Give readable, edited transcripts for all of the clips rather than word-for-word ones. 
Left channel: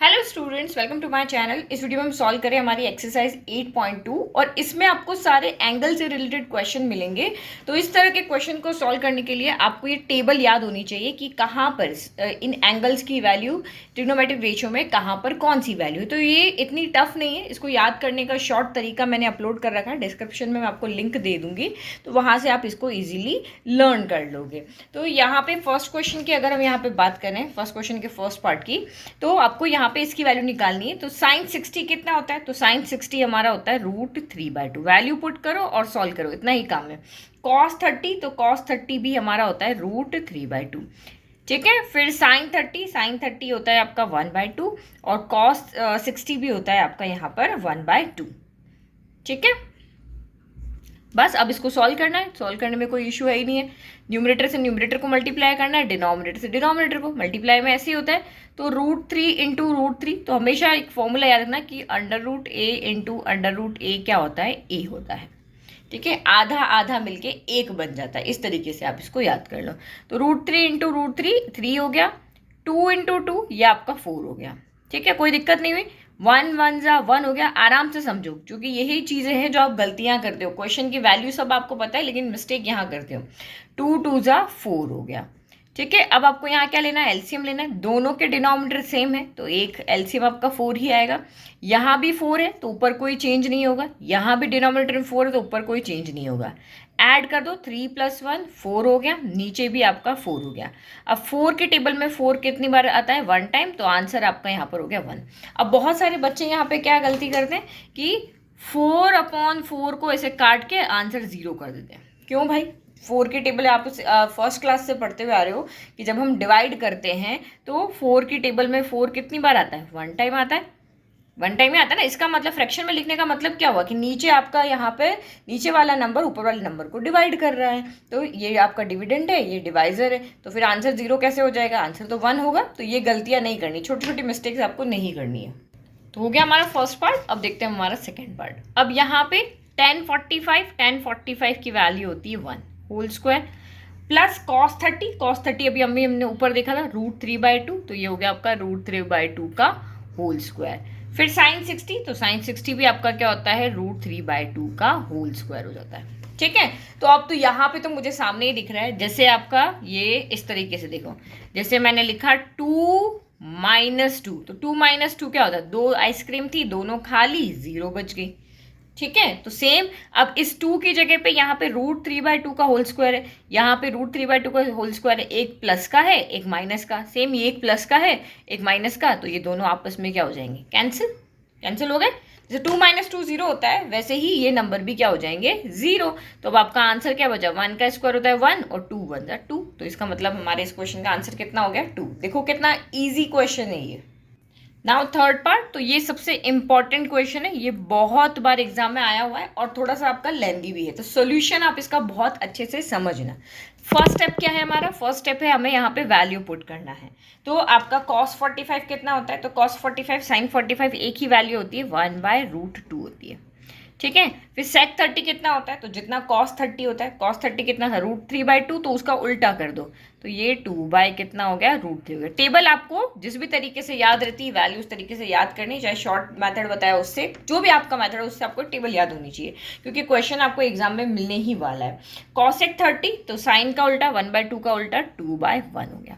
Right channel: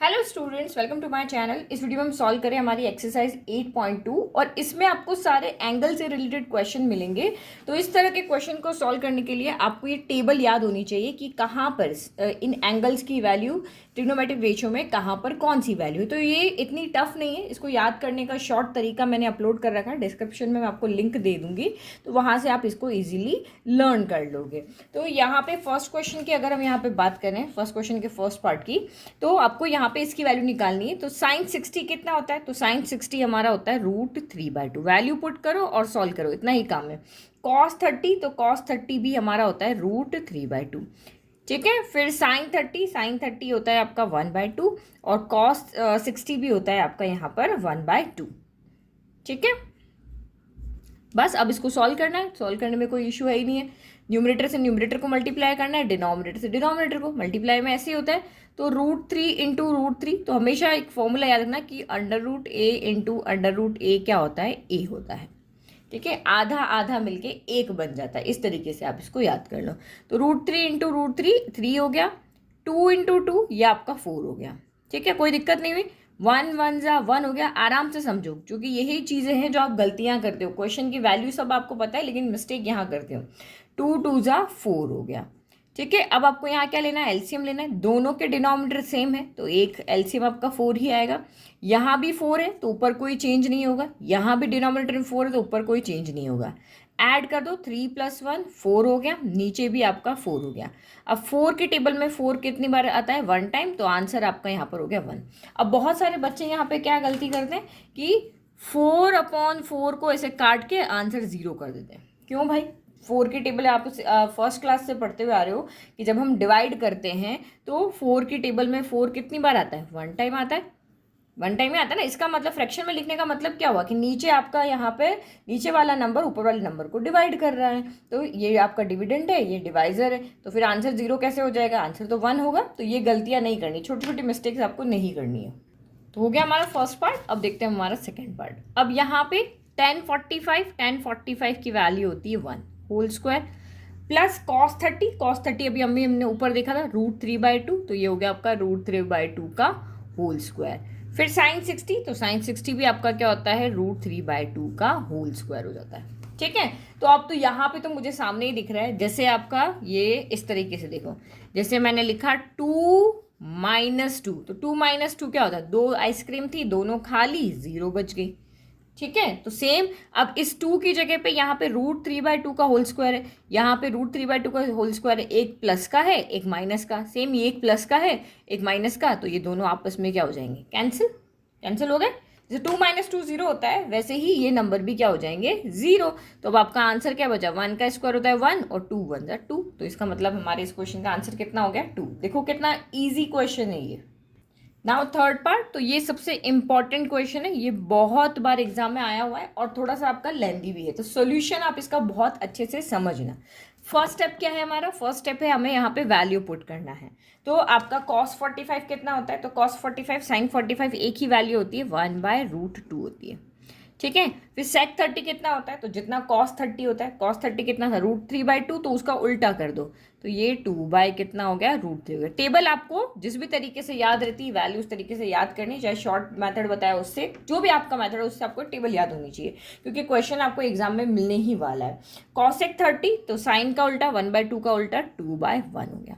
Hello students, welcome to my channel. इस video में हम सॉल्व करें हमारी एक्सरसाइज 8.2 और इसमें आपको सारे एंगल से रिलेटेड क्वेश्चन मिलेंगे। तो इस तरह के क्वेश्चन को सॉल्व करने के लिए आपको ये टेबल याद होनी चाहिए कि कहाँ पर इन एंगल्स की वैल्यू ट्रिग्नोमेट्रिक रेशियो में कहाँ पर कौन सी वैल्यू है। तो ये इतनी टफ नहीं है, इसको याद करने का शॉर्ट तरीका मैंने अपलोड कर रखा है, डिस्क्रिप्शन में मैं आपको लिंक दे दूँगी, तो वहाँ से आप इसको ईजिली लर्न कर लोगे। तो यहाँ पे फर्स्ट क्वेश्चन की अगर हम यहाँ पे बात करें, फर्स्ट क्वेश्चन के फर्स्ट पार्ट की, तो आपको यहाँ पे इसकी वैल्यू निकालनी है। तो साइन 60 कितना होता है? तो साइन 60 हमारा होता है √3/2। वैल्यू पुट करो और सॉल्व करो, इतना ही काम है। कॉस 30, तो कॉस 30 भी हमारा होता है √3/2। ठीक है, फिर साइन 30 होता है आपका 1/2 और कॉस 60 भी होता है आपका यहाँ पर 1/2। ठीक है, बस अब इसको सॉल्व करना है। सॉल्व करने में कोई इशू है ही नहीं है। न्यूमरेटर से न्यूमरेटर को मल्टीप्लाई करना है, डिनोमिनेटर से डिनोमिनेटर को। मल्टीप्लाई में ऐसे ही होता है, तो √3 इंटू √3। तो हमेशा एक फॉर्मूला याद रखना कि √a इंटू √a क्या होता है? a होता है। ठीक है, आधा आधा मिलके एक बन जाता है। इस तरीके से आप इसको याद कर लो। तो √3 इंटू √3 3 हो गया, 2 इंटू 2 ये आपका 4 हो गया। ठीक है, कोई दिक्कत नहीं हुई। 1 1 जा 1 हो गया। आराम से समझो, क्योंकि यही चीज़ें हैं जो आप गलतियां करते हो। क्वेश्चन की वैल्यू सब आपको पता है, लेकिन मिस्टेक यहाँ करते हो। 2 2 जा 4 हो गया। ठीक है, अब आपको यहाँ क्या लेना है? एलसीएम लेना है। दोनों के डिनोमिनेटर सेम है, तो एक एलसीएम आपका 4 ही आएगा। यहाँ भी 4 है तो ऊपर कोई चेंज नहीं होगा, यहाँ भी डिनोमिनेटर में 4 है तो ऊपर कोई चेंज नहीं होगा। ऐड कर दो, 3 + 1 4 हो गया, नीचे भी आपका 4 हो गया। अब 4 के टेबल में 4 कितनी बार आता है? 1 टाइम, तो आंसर आपका यहाँ पर हो गया 1। अब बहुत सारे बच्चे यहाँ पे क्या गलती करते हैं कि 4/4 को ऐसे काट के आंसर 0 कर देते हैं। क्यों भाई? 4 की टेबल आप फर्स्ट क्लास से पढ़ते हुए आ रहे हो कि जब हम डिवाइड करते हैं तो 4 की टेबल में 4 कितनी बार आता है? 1 टाइम आता है। 1 टाइम ही आता है ना। इसका मतलब फ्रैक्शन में लिखने का मतलब क्या हुआ कि नीचे आपका यहाँ पे नीचे वाला नंबर ऊपर वाले नंबर को डिवाइड कर रहा है, तो ये आपका डिविडेंड है, ये डिवाइजर है, तो फिर आंसर 0 कैसे हो जाएगा? आंसर तो 1 होगा। तो ये गलतियाँ नहीं करनी, छोटी छोटी मिस्टेक्स आपको नहीं करनी है। तो हो गया हमारा फर्स्ट पार्ट। अब देखते हैं हमारा सेकेंड पार्ट। अब यहाँ पे 1045 की वैल्यू होती है 1 होल स्क्वायर प्लस कॉस 30 अभी हमने ऊपर देखा था √3/2, तो ये हो गया आपका √3/2 का होल स्क्वायर। फिर साइन 60, तो साइन 60 भी आपका क्या होता है? √3/2 का होल स्क्वायर हो जाता है। ठीक है, तो अब तो यहाँ पे तो मुझे सामने ही दिख रहा है, जैसे आपका ये इस तरीके से देखो, जैसे मैंने लिखा 2 -2, तो 2 -2 क्या होता है? 2 आइसक्रीम थी, दोनों खा ली, 0 बच गई। ठीक है, तो सेम अब इस 2 की जगह पे यहाँ पे √3/2 का होल स्क्वायर है, यहाँ पे √3/2 का होल स्क्वायर है। एक प्लस का है, एक माइनस का। सेम ये एक प्लस का है, एक माइनस का, तो ये दोनों आपस में क्या हो जाएंगे? कैंसिल। कैंसिल हो गए। जैसे 2 - 2 0 होता है, वैसे ही ये नंबर भी क्या हो जाएंगे? 0। तो अब आपका आंसर क्या बचा? 1 का स्क्वायर होता है 1 और 2 1 जा 2। तो इसका मतलब हमारे इस क्वेश्चन का आंसर कितना हो गया? 2। देखो कितना ईजी क्वेश्चन है ये। नाउ थर्ड पार्ट, तो ये सबसे इंपॉर्टेंट क्वेश्चन है, ये बहुत बार एग्जाम में आया हुआ है और थोड़ा सा आपका लेंदी भी है, तो सॉल्यूशन आप इसका बहुत अच्छे से समझना। फर्स्ट स्टेप क्या है हमारा? फर्स्ट स्टेप है हमें यहाँ पे वैल्यू पुट करना है। तो आपका cos 45 कितना होता है? तो cos 45 sin 45 एक ही वैल्यू होती है, 1/√2 होती है। ठीक है, फिर sec 30 कितना होता है? तो जितना cos 30 होता है, cos 30 कितना था? √3/2, तो उसका उल्टा कर दो, तो ये 2 कितना हो गया? √3 हो गया। टेबल आपको जिस भी तरीके से याद रहती है वैल्यू उस तरीके से याद करनी, चाहे शॉर्ट मेथड बताया उससे, जो भी आपका मेथड है उससे आपको टेबल याद होनी चाहिए, क्योंकि क्वेश्चन आपको एग्जाम में मिलने ही वाला है। cosec 30, तो साइन का उल्टा 1/2 का उल्टा 2/1 हो गया।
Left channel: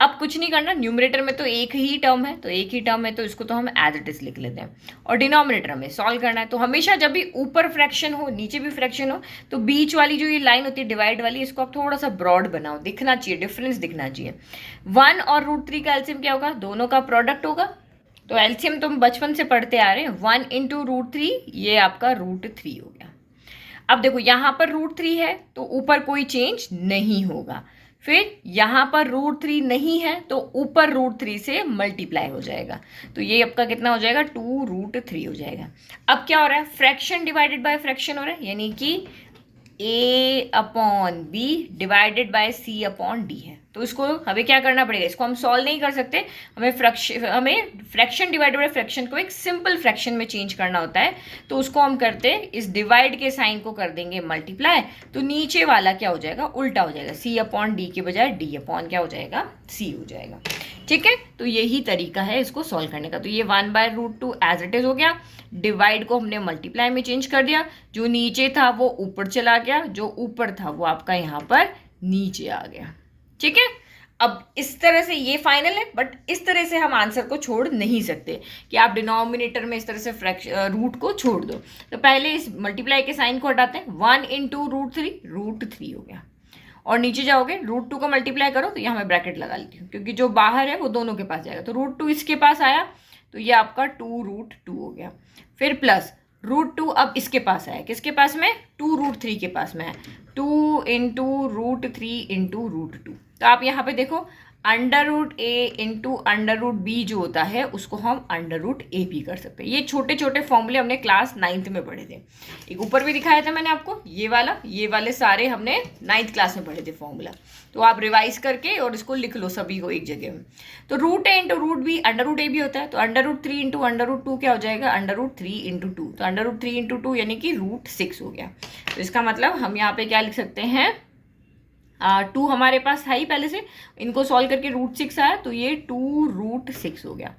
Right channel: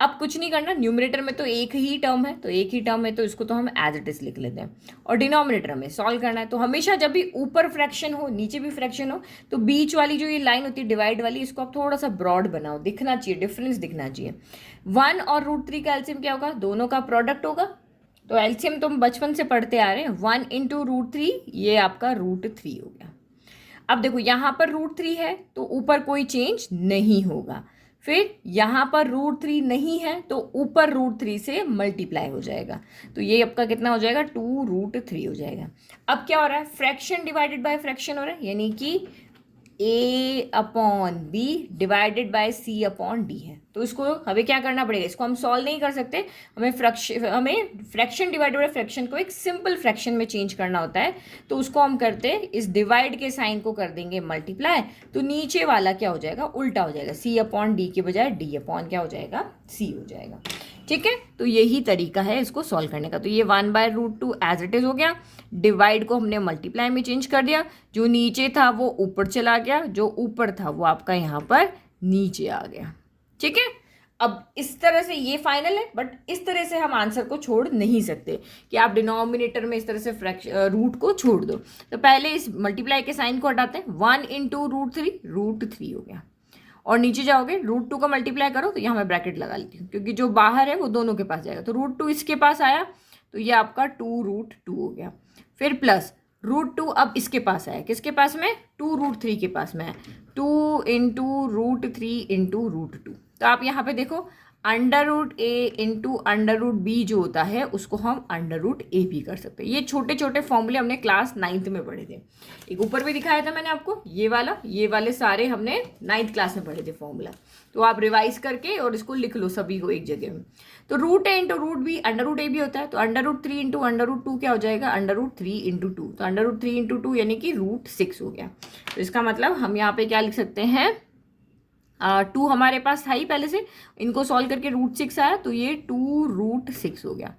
अब कुछ नहीं करना, न्यूमरेटर में तो एक ही टर्म है, तो एक ही टर्म है तो इसको तो हम एज इट इज लिख लेते हैं, और डिनोमिनेटर में सॉल्व करना है। तो हमेशा जब भी ऊपर फ्रैक्शन हो नीचे भी फ्रैक्शन हो, तो बीच वाली जो ये लाइन होती है डिवाइड वाली, इसको आप थोड़ा सा ब्रॉड बनाओ, दिखना चाहिए, डिफरेंस दिखना चाहिए। 1 और √3 का एलसीएम क्या होगा? दोनों का प्रोडक्ट होगा। तो एलसीएम तो हम बचपन से पढ़ते आ रहे हैं, 1 × √3, ये आपका √3 हो गया। अब देखो यहाँ पर √3 है तो ऊपर कोई चेंज नहीं होगा, फिर यहाँ पर √3 नहीं है तो ऊपर √3 से मल्टीप्लाई हो जाएगा, तो ये आपका कितना हो जाएगा? 2√3 हो जाएगा। अब क्या हो रहा है? फ्रैक्शन डिवाइडेड बाय फ्रैक्शन हो रहा है, यानी कि a/b डिवाइडेड बाय c/d है। तो इसको हमें क्या करना पड़ेगा? इसको हम सॉल्व नहीं कर सकते, हमें फ्रैक्शन डिवाइडेड बाय फ्रैक्शन को एक सिंपल फ्रैक्शन में चेंज करना होता है। तो उसको हम करते हैं, इस डिवाइड के साइन को कर देंगे मल्टीप्लाई, तो नीचे वाला क्या हो जाएगा? उल्टा हो जाएगा, c/d के बजाय d/ क्या हो जाएगा? c हो जाएगा। ठीक है, तो यही तरीका है इसको सॉल्व करने का। तो ये 1/√2 एज इट इज हो गया, डिवाइड को हमने मल्टीप्लाई में चेंज कर दिया, जो नीचे था वो ऊपर चला गया, जो ऊपर था वो आपका यहाँ पर नीचे आ गया। ठीक है, अब इस तरह से ये फाइनल है, बट इस तरह से हम आंसर को छोड़ नहीं सकते कि आप डिनोमिनेटर में इस तरह से रूट को छोड़ दो। तो पहले इस मल्टीप्लाई के साइन को हटाते हैं, 1 × √3 हो गया, और नीचे जाओगे √2 का मल्टीप्लाई करो, तो यहाँ मैं ब्रैकेट लगा लेती हूँ क्योंकि जो बाहर है वो दोनों के पास जाएगा। तो √2 इसके पास आया, तो ये आपका 2√2 हो गया। फिर प्लस √2 अब इसके पास आया, किसके पास में, 2√3 के पास में है, 2 × √3 × √2। तो आप यहाँ पे देखो √a × √b जो होता है उसको हम √ab कर सकते हैं। ये छोटे छोटे फॉर्मूले हमने क्लास 9th में पढ़े थे, एक ऊपर भी दिखाया था मैंने आपको, ये वाले सारे हमने 9th क्लास में पढ़े थे फॉर्मूला। तो आप रिवाइज करके और इसको लिख लो सभी को एक जगह में। तो √a × √b √ab होता है, तो √3 × √2 क्या हो जाएगा, √3 × 2। तो √3 × 2 यानी कि √6 हो गया। तो इसका मतलब हम यहाँ पे क्या लिख सकते हैं, 2 हमारे पास था ही पहले से, इनको सॉल्व करके √6 आया, तो ये 2√6 हो गया।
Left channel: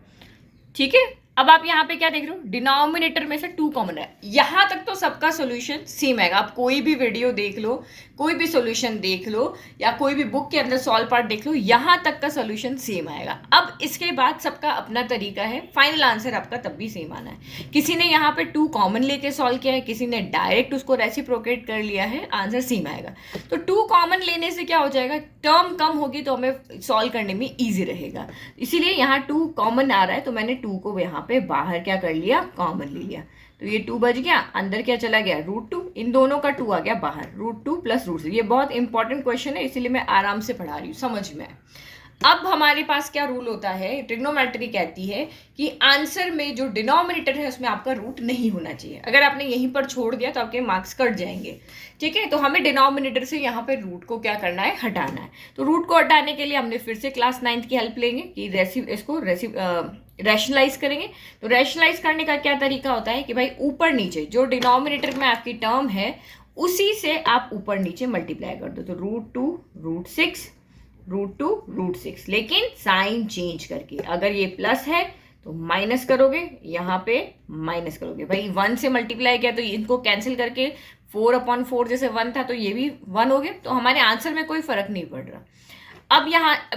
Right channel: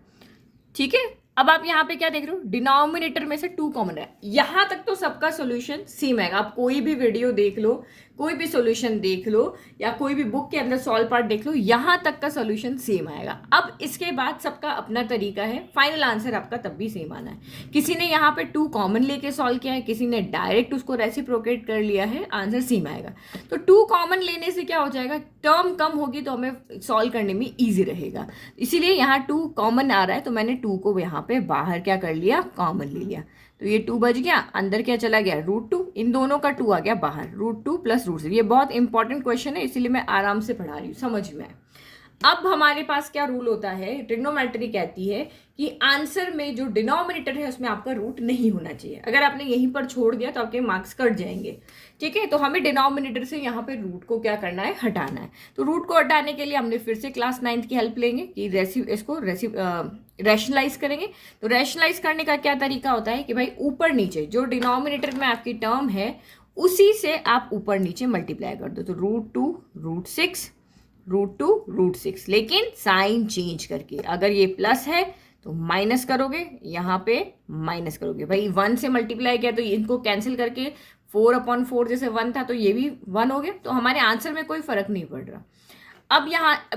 ठीक है, अब आप यहाँ पे क्या देख रहे हो, डिनोमिनेटर में से 2 कॉमन है। यहाँ तक तो सबका सोल्यूशन सेम है, आप कोई भी वीडियो देख लो, कोई भी सोल्यूशन देख लो, या कोई भी बुक के अंदर सॉल्व पार्ट देख लो, यहाँ तक का सोल्यूशन सेम आएगा। अब इसके बाद सबका अपना तरीका है, फाइनल आंसर आपका तब भी सेम आना है। किसी ने यहाँ पे 2 कॉमन लेके सॉल्व किया है, किसी ने डायरेक्ट उसको रेसिप्रोकेट कर लिया है, आंसर सेम आएगा। तो 2 कॉमन लेने से क्या हो जाएगा, टर्म कम होगी तो हमें सॉल्व करने में ईजी रहेगा। इसीलिए यहाँ 2 कॉमन आ रहा है, तो मैंने 2 को यहाँ पे बाहर क्या कर लिया, कॉमन ले लिया। तो ये 2 बच गया, अंदर क्या चला गया, √2, इन दोनों का 2 आ गया बाहर, √2 + √6। ये बहुत इंपॉर्टेंट क्वेश्चन है, इसीलिए मैं आराम से पढ़ा रही हूँ, समझ में। अब हमारे पास क्या रूल होता है, ट्रिग्नोमेट्री कहती है कि आंसर में जो डिनोमिनेटर है उसमें आपका रूट नहीं होना चाहिए। अगर आपने यहीं पर छोड़ दिया तो आपके मार्क्स कट जाएंगे। ठीक है, तो हमें डिनोमिनेटर से यहाँ पे रूट को क्या करना है, हटाना है। तो रूट को हटाने के लिए हमने फिर से क्लास 9th की हेल्प लेंगे कि इसको रैशनलाइज करेंगे। तो रैशनलाइज करने का क्या तरीका होता है कि भाई ऊपर नीचे जो डिनोमिनेटर में आपकी टर्म है उसी से आप ऊपर नीचे मल्टीप्लाई कर दो। तो √2 √6 √2 √6, लेकिन साइन चेंज करके। अगर ये प्लस है तो माइनस करोगे, यहाँ पे माइनस करोगे। भाई 1 से मल्टीप्लाई किया तो इनको कैंसिल करके 4/4 जैसे 1 था तो ये भी 1 हो गया। तो हमारे आंसर में कोई फर्क नहीं पड़ रहा। अब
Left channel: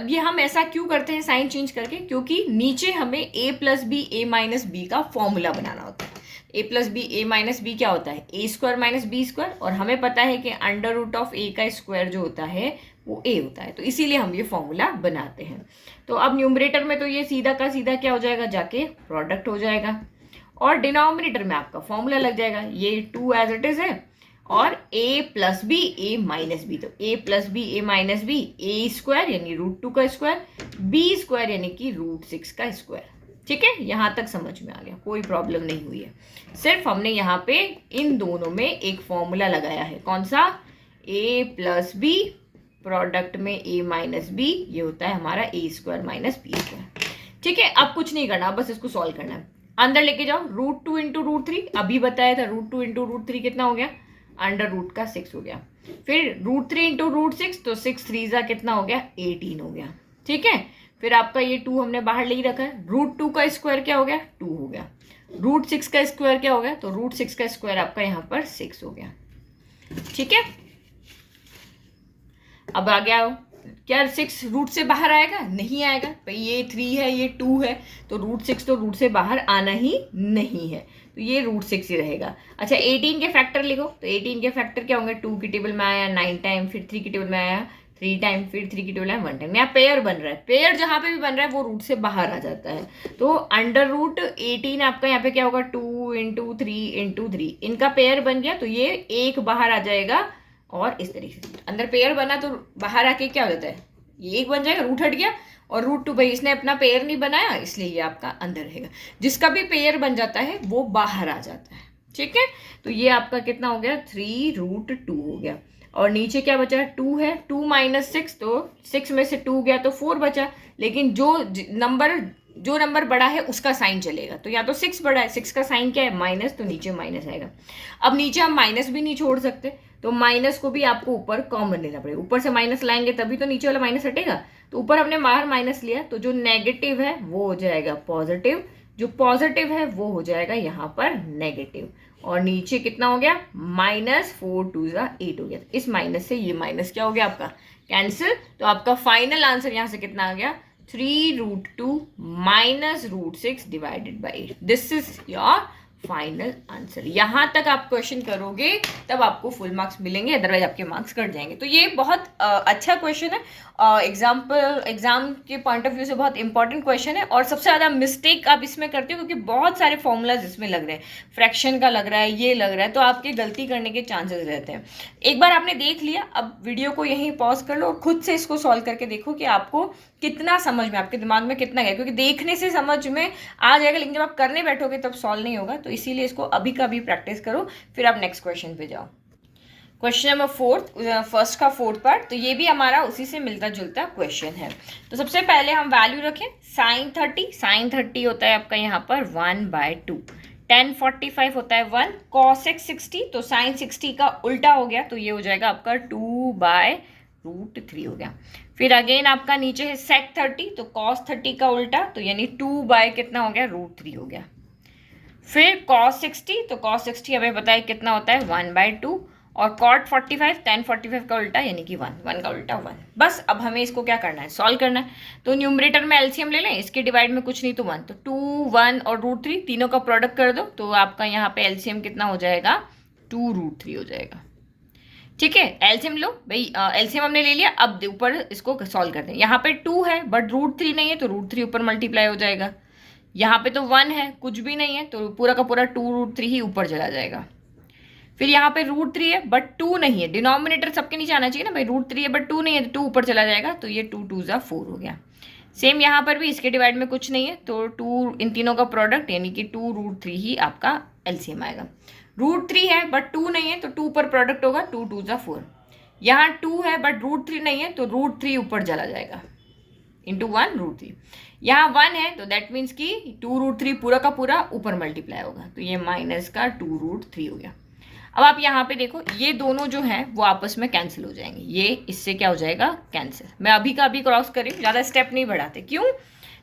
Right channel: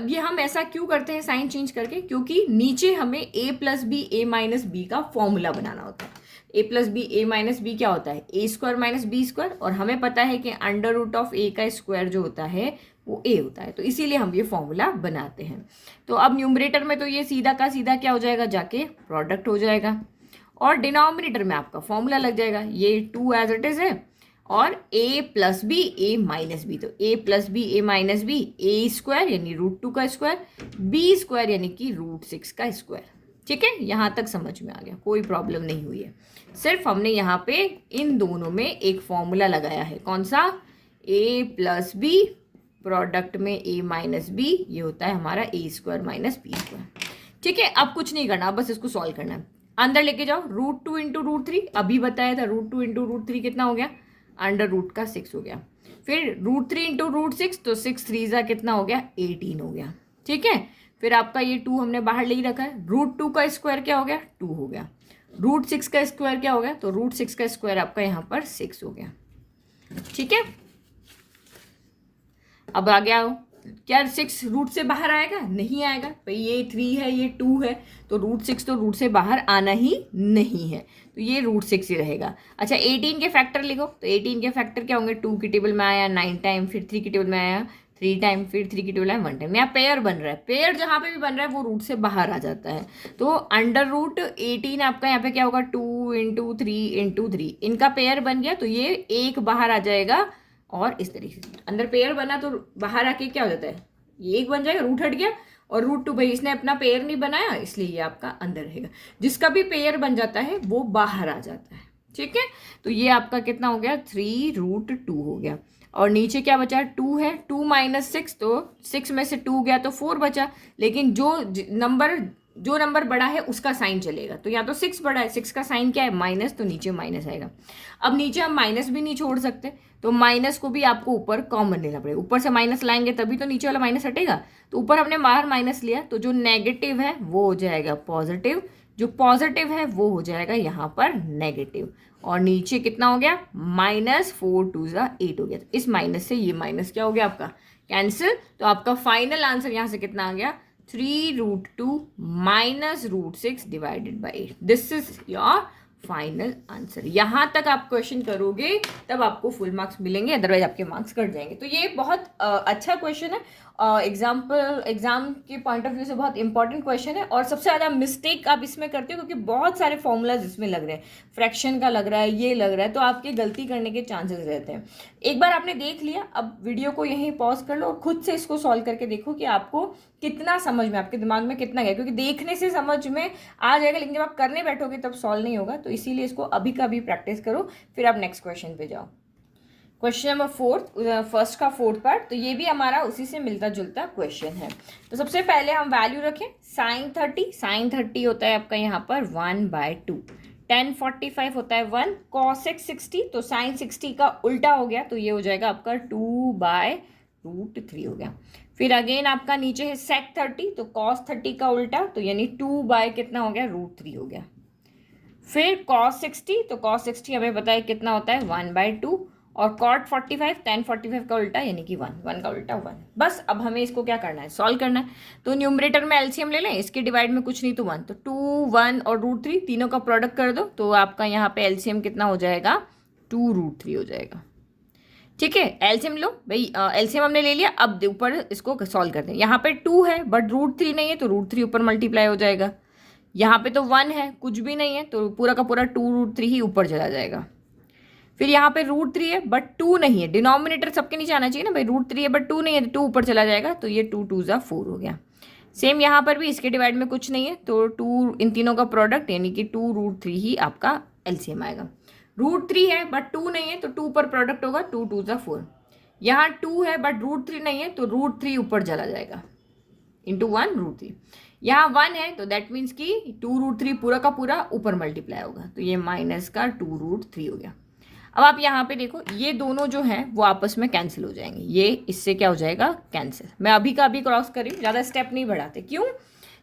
ये हम ऐसा क्यों करते हैं साइन चेंज करके, क्योंकि नीचे हमें a + b a - b का फॉर्मूला बनाना होता है। a + b a - b क्या होता है, a² - b², और हमें पता है कि √a का स्क्वायर जो होता है वो a होता है। तो इसीलिए हम ये फॉर्मूला बनाते हैं। तो अब न्यूमरेटर में तो ये सीधा का सीधा क्या हो जाएगा, जाके प्रोडक्ट हो जाएगा, और डिनोमिनेटर में आपका फॉर्मूला लग जाएगा। ये 2 एज इट इज है, और a + b a - b, तो a + b a - b a² यानी √2 का स्क्वायर, b² यानी कि √6 का स्क्वायर। ठीक है, यहाँ तक समझ में आ गया, कोई प्रॉब्लम नहीं हुई है। सिर्फ हमने यहाँ पे इन दोनों में एक फॉर्मूला लगाया है, कौन सा, a + b प्रोडक्ट में a - b, ये होता है हमारा a² - b²। ठीक है, अब कुछ नहीं करना, बस इसको सॉल्व करना है। अंदर लेके जाओ, √2 × √3, अभी बताया था √2 × √3 कितना हो गया, √6 हो गया। फिर √3 × √6, तो 6 3 जा कितना हो गया, 18 हो गया। ठीक है, फिर आपका ये 2 हमने बाहर ले ही रखा है। √2 का स्क्वायर क्या हो गया, 2 हो गया। √6 का स्क्वायर क्या हो गया, तो √6 का स्क्वायर आपका यहाँ पर 6 हो गया। ठीक है, अब आ गया क्या, 6 रूट से बाहर आएगा, नहीं आएगा। भाई ये 3 है, ये 2 है, तो √6 तो रूट से बाहर आना ही नहीं है, तो ये √6 ही रहेगा। अच्छा, 18 के फैक्टर लिखो, तो 18 के फैक्टर क्या होंगे, 2 की टेबल में आया 9 टाइम, फिर 3 की टेबल में आया 3 टाइम, फिर 3 की टेबल में 1 टाइम। यहाँ पेयर बन रहा है, पेयर जहाँ पे भी बन रहा है वो रूट से बाहर आ जाता है। तो √18 आपका यहाँ पे क्या होगा, 2 × 3 × 3, इनका पेयर बन गया, तो ये 1 बाहर आ जाएगा। और इस तरीके से अंदर पेयर बना तो बाहर आके क्या हो जाता है, ये 1 बन जाएगा, रूट हट गया, और √2 भाई इसने अपना पेयर नहीं बनाया इसलिए ये आपका अंदर रहेगा। जिसका भी पेयर बन जाता है वो बाहर आ जाता है। ठीक है, तो ये आपका कितना हो गया, 3√2 हो गया। और नीचे क्या बचा, 2 है, 2 - 6, तो 6 में से 2 गया तो 4 बचा। लेकिन जो नंबर जो नंबर बड़ा है उसका साइन चलेगा। तो यहाँ तो 6 बड़ा है, 6 का साइन क्या है माइनस, तो नीचे माइनस आएगा। अब नीचे हम माइनस भी नहीं छोड़ सकते, तो माइनस को भी आपको ऊपर कॉमन लेना पड़ेगा। ऊपर से माइनस लाएंगे तभी तो नीचे वाला माइनस हटेगा। तो ऊपर हमने बाहर माइनस लिया, तो जो नेगेटिव है वो हो जाएगा पॉजिटिव, जो पॉजिटिव है वो हो जाएगा यहाँ पर नेगेटिव, और नीचे कितना हो गया -4 2 8 हो गया। इस माइनस से ये माइनस क्या हो गया आपका कैंसिल। तो आपका फाइनल आंसर यहाँ से कितना आ गया 3√2 -√6 divided by 8। This is your final answer. यहां तक आप क्वेश्चन करोगे तब आपको फुल मार्क्स मिलेंगे, अदरवाइज आपके मार्क्स कट जाएंगे। तो ये बहुत अच्छा क्वेश्चन है, एग्जाम के पॉइंट ऑफ व्यू से बहुत इंपॉर्टेंट क्वेश्चन है। और सबसे ज़्यादा मिस्टेक आप इसमें करते हो क्योंकि बहुत सारे फॉर्मूलाज इसमें लग रहे हैं, फ्रैक्शन का लग रहा है, ये लग रहा है, तो आपके गलती करने के चांसेस रहते हैं। एक बार आपने देख लिया, अब वीडियो को यहीं पॉज कर लो और खुद से इसको सॉल्व करके देखो कि आपको कितना समझ में, आपके दिमाग में कितना गया। क्योंकि देखने से समझ में आ जाएगा, लेकिन जब आप करने बैठोगे तब सॉल्व नहीं होगा। तो इसीलिए इसको अभी का अभी प्रैक्टिस करो, फिर आप नेक्स्ट क्वेश्चन पे जाओ। क्वेश्चन नंबर 4, फर्स्ट का 4th पार्ट। तो ये भी हमारा उसी से मिलता जुलता क्वेश्चन है। तो सबसे पहले हम वैल्यू रखें साइन 30 होता है आपका यहाँ पर 1/2, tan 45 होता है 1, cos x 60, तो साइन 60 का उल्टा हो गया, तो ये हो जाएगा आपका 2/√3 हो गया। फिर अगेन आपका नीचे है sec 30, तो cos 30 का उल्टा, तो यानी 2 कितना हो गया √3 हो गया। फिर cos 60, तो cos 60 हमें पता है कितना होता है 1/2, और cot 45 tan 45 का उल्टा यानी कि 1 का उल्टा 1। बस अब हमें इसको क्या करना है सॉल्व करना है। तो न्यूमरेटर में एलसीएम ले लें, इसके डिवाइड में कुछ नहीं तो 1, तो 2 1 और √3 तीनों का प्रोडक्ट कर दो, तो आपका यहाँ पे एलसीएम कितना हो जाएगा 2√3 हो जाएगा। ठीक है, एलसीएम लो भाई, एलसीएम हमने ले लिया। अब ऊपर इसको सॉल्व करते हैं। यहाँ पे 2 है बट √3 नहीं है, तो √3 ऊपर मल्टीप्लाई हो जाएगा। यहाँ पे तो 1 है, कुछ भी नहीं है, तो पूरा का पूरा 2√3 ही ऊपर चला जाएगा। फिर यहाँ पे √3 है बट 2 नहीं है, डिनोमिनेटर सबके नीचे आना चाहिए ना भाई, √3 है बट 2 नहीं है, तो 2 ऊपर चला जाएगा, तो ये 2 2 4 हो गया। सेम यहाँ पर भी इसके डिवाइड में कुछ नहीं है, तो 2 इन तीनों का प्रोडक्ट यानी कि 2√3 ही आपका एलसीएम आएगा। √3 है बट 2 नहीं है, तो 2 पर प्रोडक्ट होगा, 2 2 4। यहाँ 2 है बट √3 नहीं है, तो √3 ऊपर चला जाएगा इंटू 1 √3। यहाँ 1 है तो दैट मीन्स कि 2√3 पूरा का पूरा ऊपर मल्टीप्लाई होगा, तो ये माइनस का 2√3 हो गया। अब आप यहाँ पे देखो, ये दोनों जो हैं वो आपस में कैंसिल हो जाएंगे, ये इससे क्या हो जाएगा कैंसिल। मैं अभी का अभी क्रॉस करी, ज़्यादा स्टेप नहीं बढ़ाते, क्यों,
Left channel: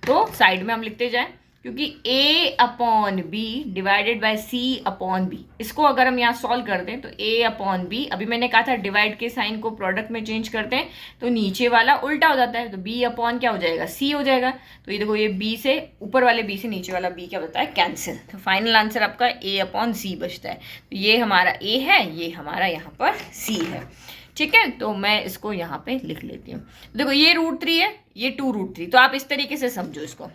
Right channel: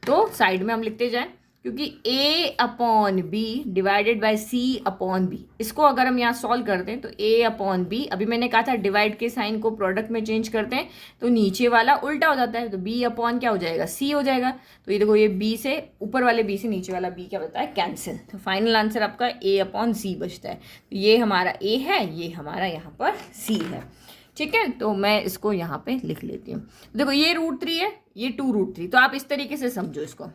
तो साइड में हम लिखते जाएं, क्योंकि a/b डिवाइडेड बाय c/b, इसको अगर हम यहाँ सॉल्व कर दें तो a/b, अभी मैंने कहा था डिवाइड के साइन को प्रोडक्ट में चेंज करते हैं तो नीचे वाला उल्टा हो जाता है, तो b/ क्या हो जाएगा c हो जाएगा। तो ये देखो, ये b से ऊपर वाले b से नीचे वाला b क्या होता है कैंसिल, तो फाइनल आंसर आपका a/c बचता है। तो ये हमारा a है, ये हमारा यहाँ पर c है। ठीक है, तो मैं इसको यहाँ पे लिख लेती हूँ। देखो ये √3 है, ये 2√3, तो आप इस तरीके से समझो इसको,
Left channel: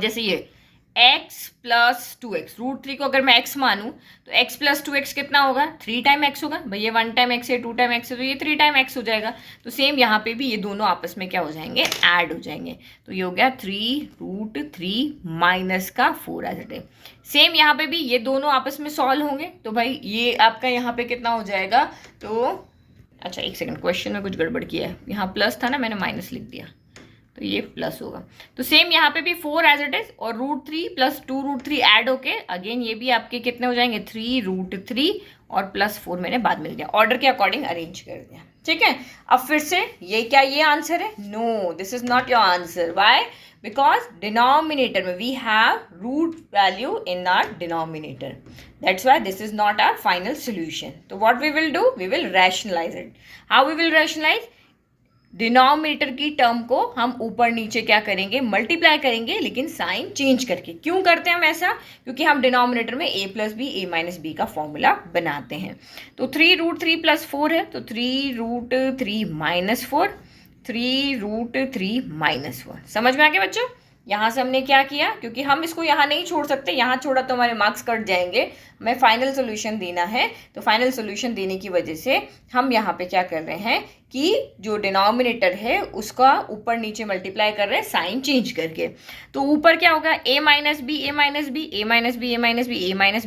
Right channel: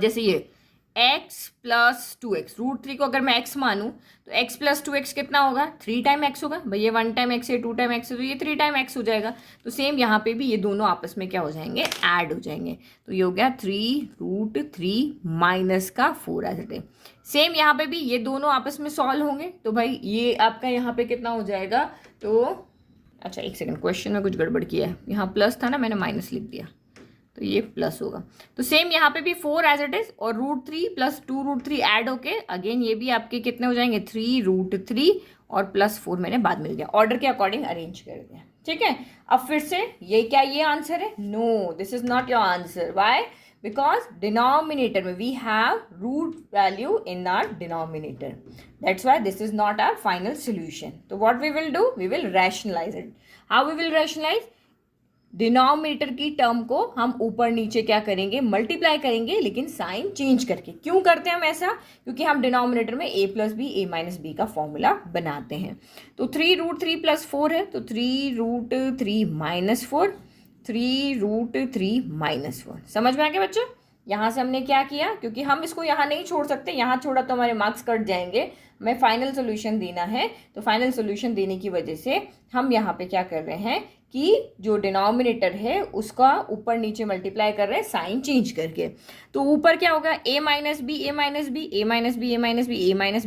जैसे ये x + 2x, √3 को अगर मैं x मानूं तो x + 2x कितना होगा 3 टाइम x होगा भाई, ये 1 टाइम x है, 2 टाइम x है, तो ये 3 टाइम x हो जाएगा। तो सेम यहाँ पे भी ये दोनों आपस में क्या हो जाएंगे ऐड हो जाएंगे, तो ये हो गया 3√3 - का 4 एज इट इज। सेम यहाँ पे भी ये दोनों आपस में सॉल्व होंगे, तो भाई ये आपका यहाँ पे कितना हो जाएगा, तो अच्छा एक सेकंड, क्वेश्चन में कुछ गड़बड़ किया है, यहाँ प्लस था ना, मैंने माइनस लिख दिया, तो ये प्लस होगा। तो सेम यहाँ पे भी 4 एज इट इज, और √3 + 2√3 ऐड होके अगेन ये भी आपके कितने हो जाएंगे 3√3 और +4 मैंने बाद में दिया, ऑर्डर के अकॉर्डिंग अरेंज कर दिया। ठीक है, अब फिर से ये क्या ये आंसर है, no this is not your answer. Why, because denominator में we have root value in our denominator, that's why this is not our final solution. तो what we will do, we will rationalise it. How we will rationalise, denominator की term को हम ऊपर नीचे क्या करेंगे multiply करेंगे, लेकिन साइन चेंज करके। क्यों करते हैं हम ऐसा, क्योंकि हम डिनोमिनेटर में a + b a - b का फॉर्मूला बनाते हैं। तो 3√3 + 4 है, तो 3√3 - 4, 3√3 - 4। समझ में आ गया बच्चों, यहाँ से हमने क्या किया, क्योंकि हम इसको यहाँ नहीं छोड़ सकते, यहाँ छोड़ा तो हमारे मार्क्स कट जाएंगे, हमें फाइनल सोल्यूशन देना है। तो फाइनल सोल्यूशन देने की वजह से हम यहाँ पे क्या कर रहे हैं कि जो डिनोमिनेटर है उसका ऊपर नीचे मल्टीप्लाई कर रहे हैं साइन चेंज करके। तो ऊपर क्या होगा a - b a - b a - b a - b a